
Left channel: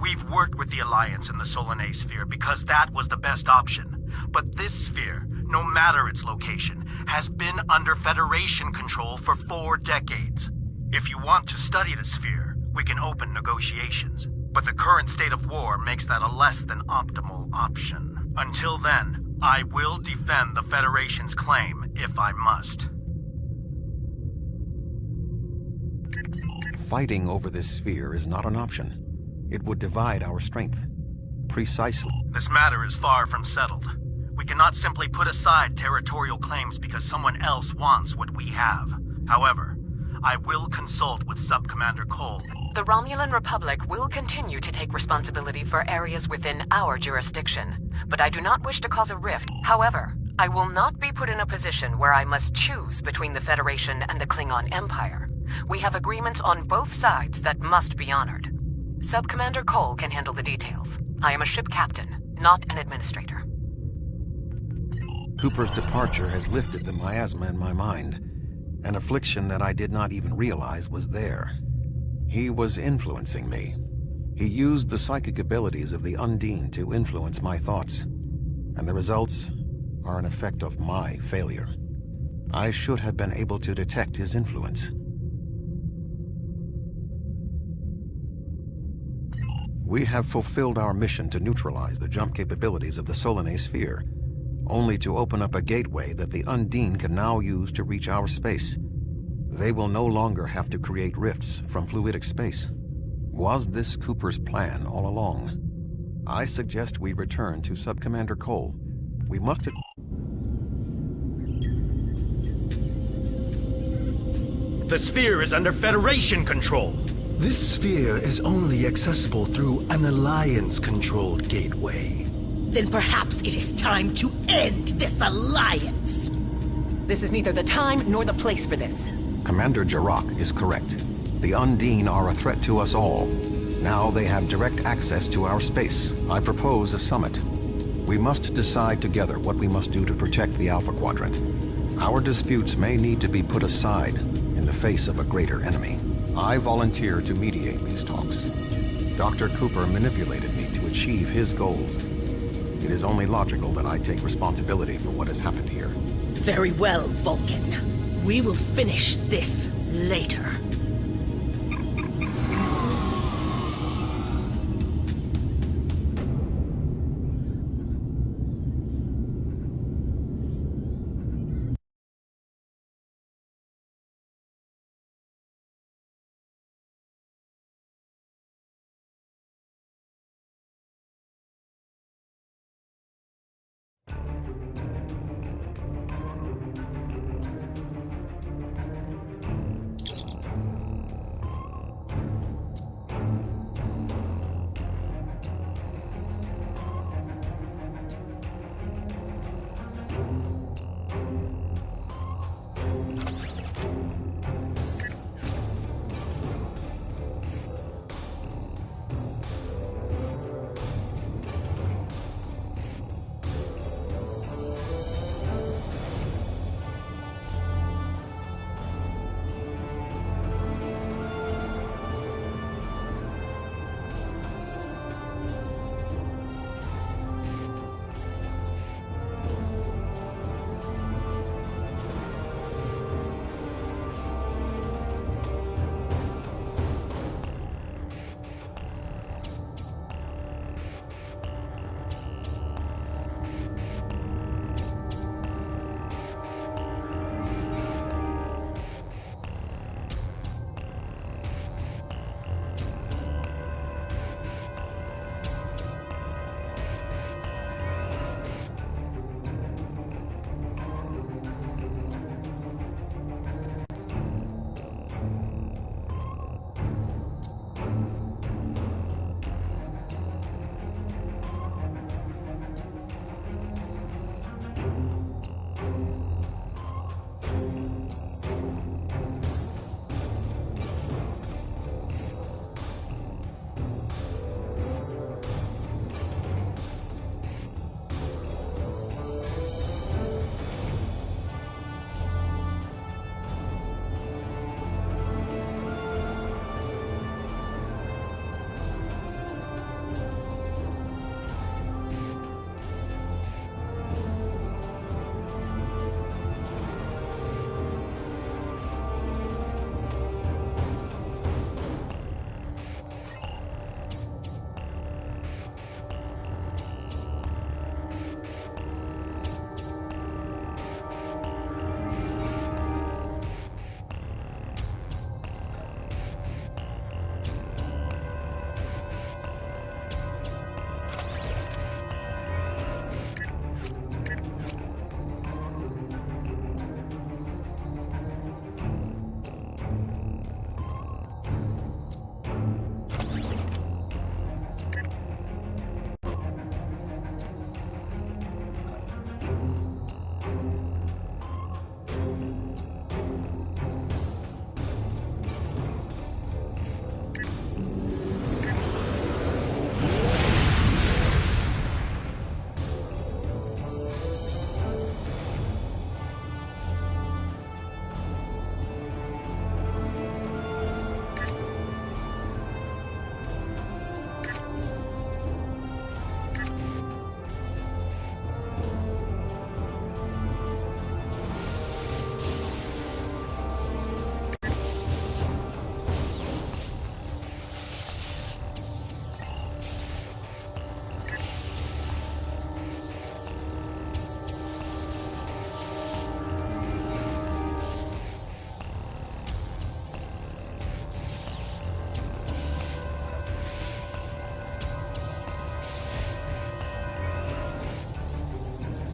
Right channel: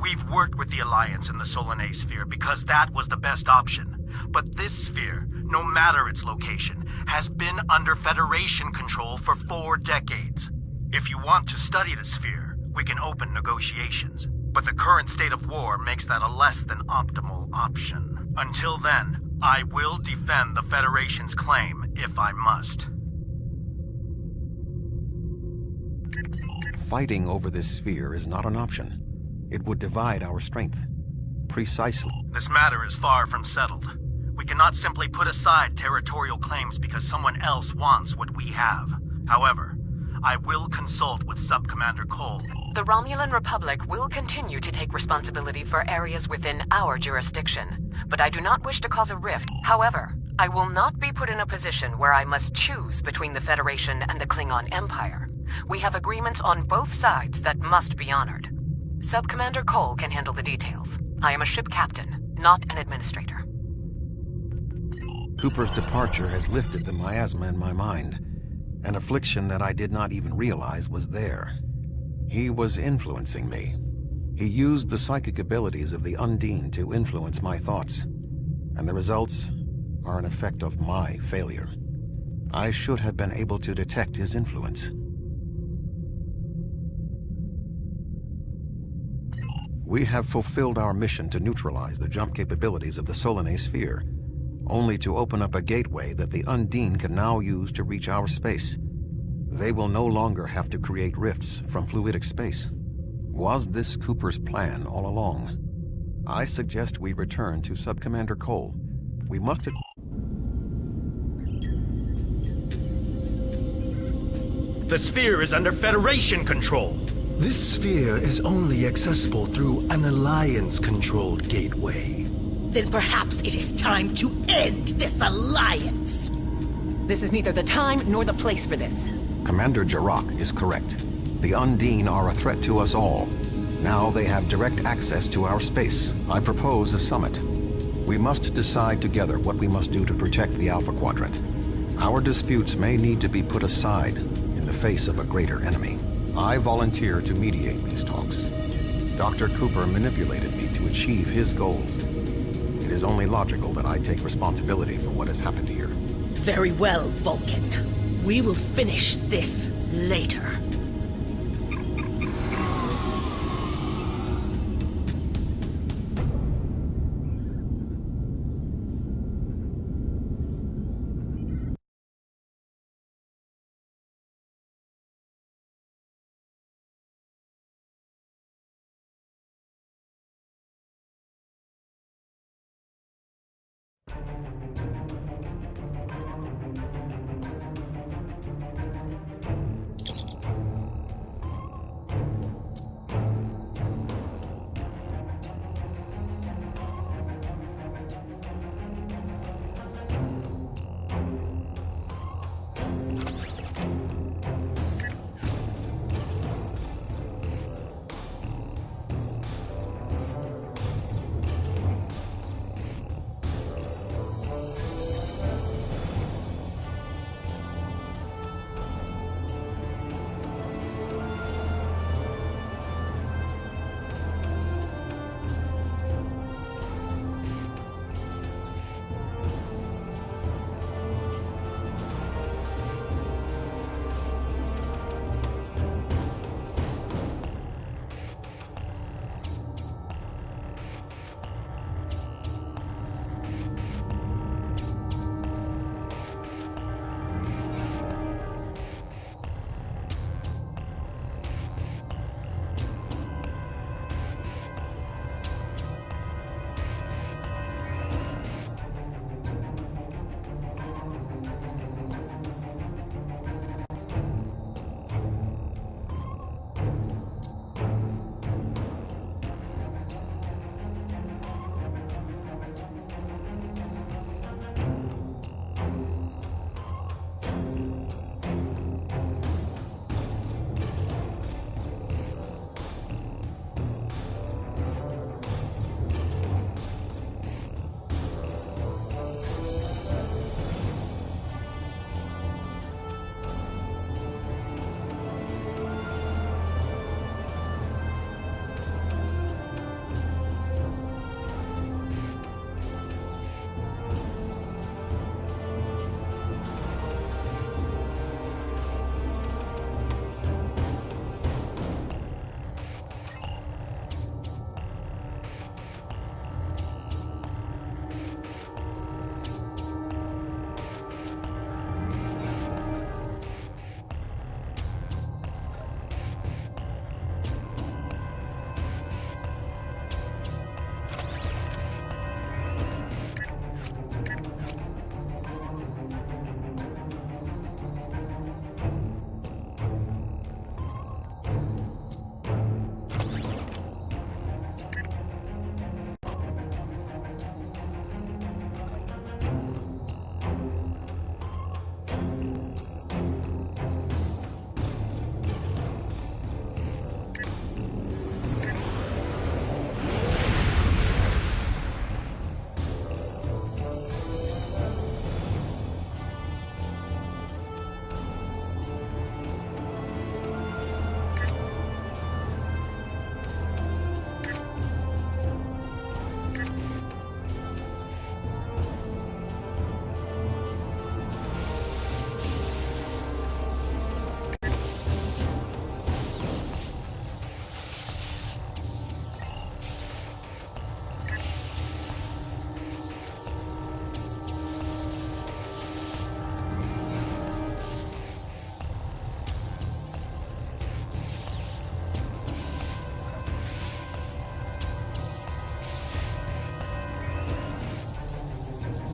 We've worked with the Alliance in the Solanae sphere because that was the best option. But this sphere, no matter its location, has been under Federation control for 4 decades. If you want to study the sphere, we can open negotiations. But the current state of war makes that a less than optimal option. Until then, I will defend the Federation's claim if I must. Fighting over this sphere is not an option. It would divide our strength. Precisely. This matter is far from settled. We cannot simply put aside territorial claims because someone else wants what we have. However, I will consult with Sub-Commander Cole. The Romulan Republic will continue to take responsibility for areas within our jurisdiction, but I do not wish to cause a rift. However, I will not be put in a position where I must choose between the Federation and the Klingon Empire. We have agreements on both sides that must be honored. Sub-Commander Cole can handle the details. I am a ship captain, not an administrator. Cooper's departure has lifted the miasma in my mind, an affliction that I did not even realize was there. He was influencing me. He used the psychic abilities of the Undine to influence my thoughts, and the results are an effect of my failure. I should have been able to detect his influence. We have fulfilled our mission to neutralize the jump capabilities of the Solanae sphere, only to open up a gateway that the Undine can now use to reach our space. They will no longer have to create rifts from fluidic space. Was this Cooper's plan all along? I suggest we return to Sub-Commander Cole. We must... The sphere is under Federation control. This sphere is only accessible through an Alliance-controlled gateway. Then perhaps it is time to end this alliance. This is neither the time nor the place for this. Commander Jarrah is correct. The Undine are a threat to us all. Now they have direct access to our space. I propose a summit. We must decide together what we must do to protect the Alpha Quadrant. Our disputes may need to be put aside in the face of a greater enemy. I volunteer to mediate these talks. Dr. Cooper manipulated me to achieve his goals. It is only logical that I take responsibility for what has happened here. Very well, Vulcan. We will finish this later.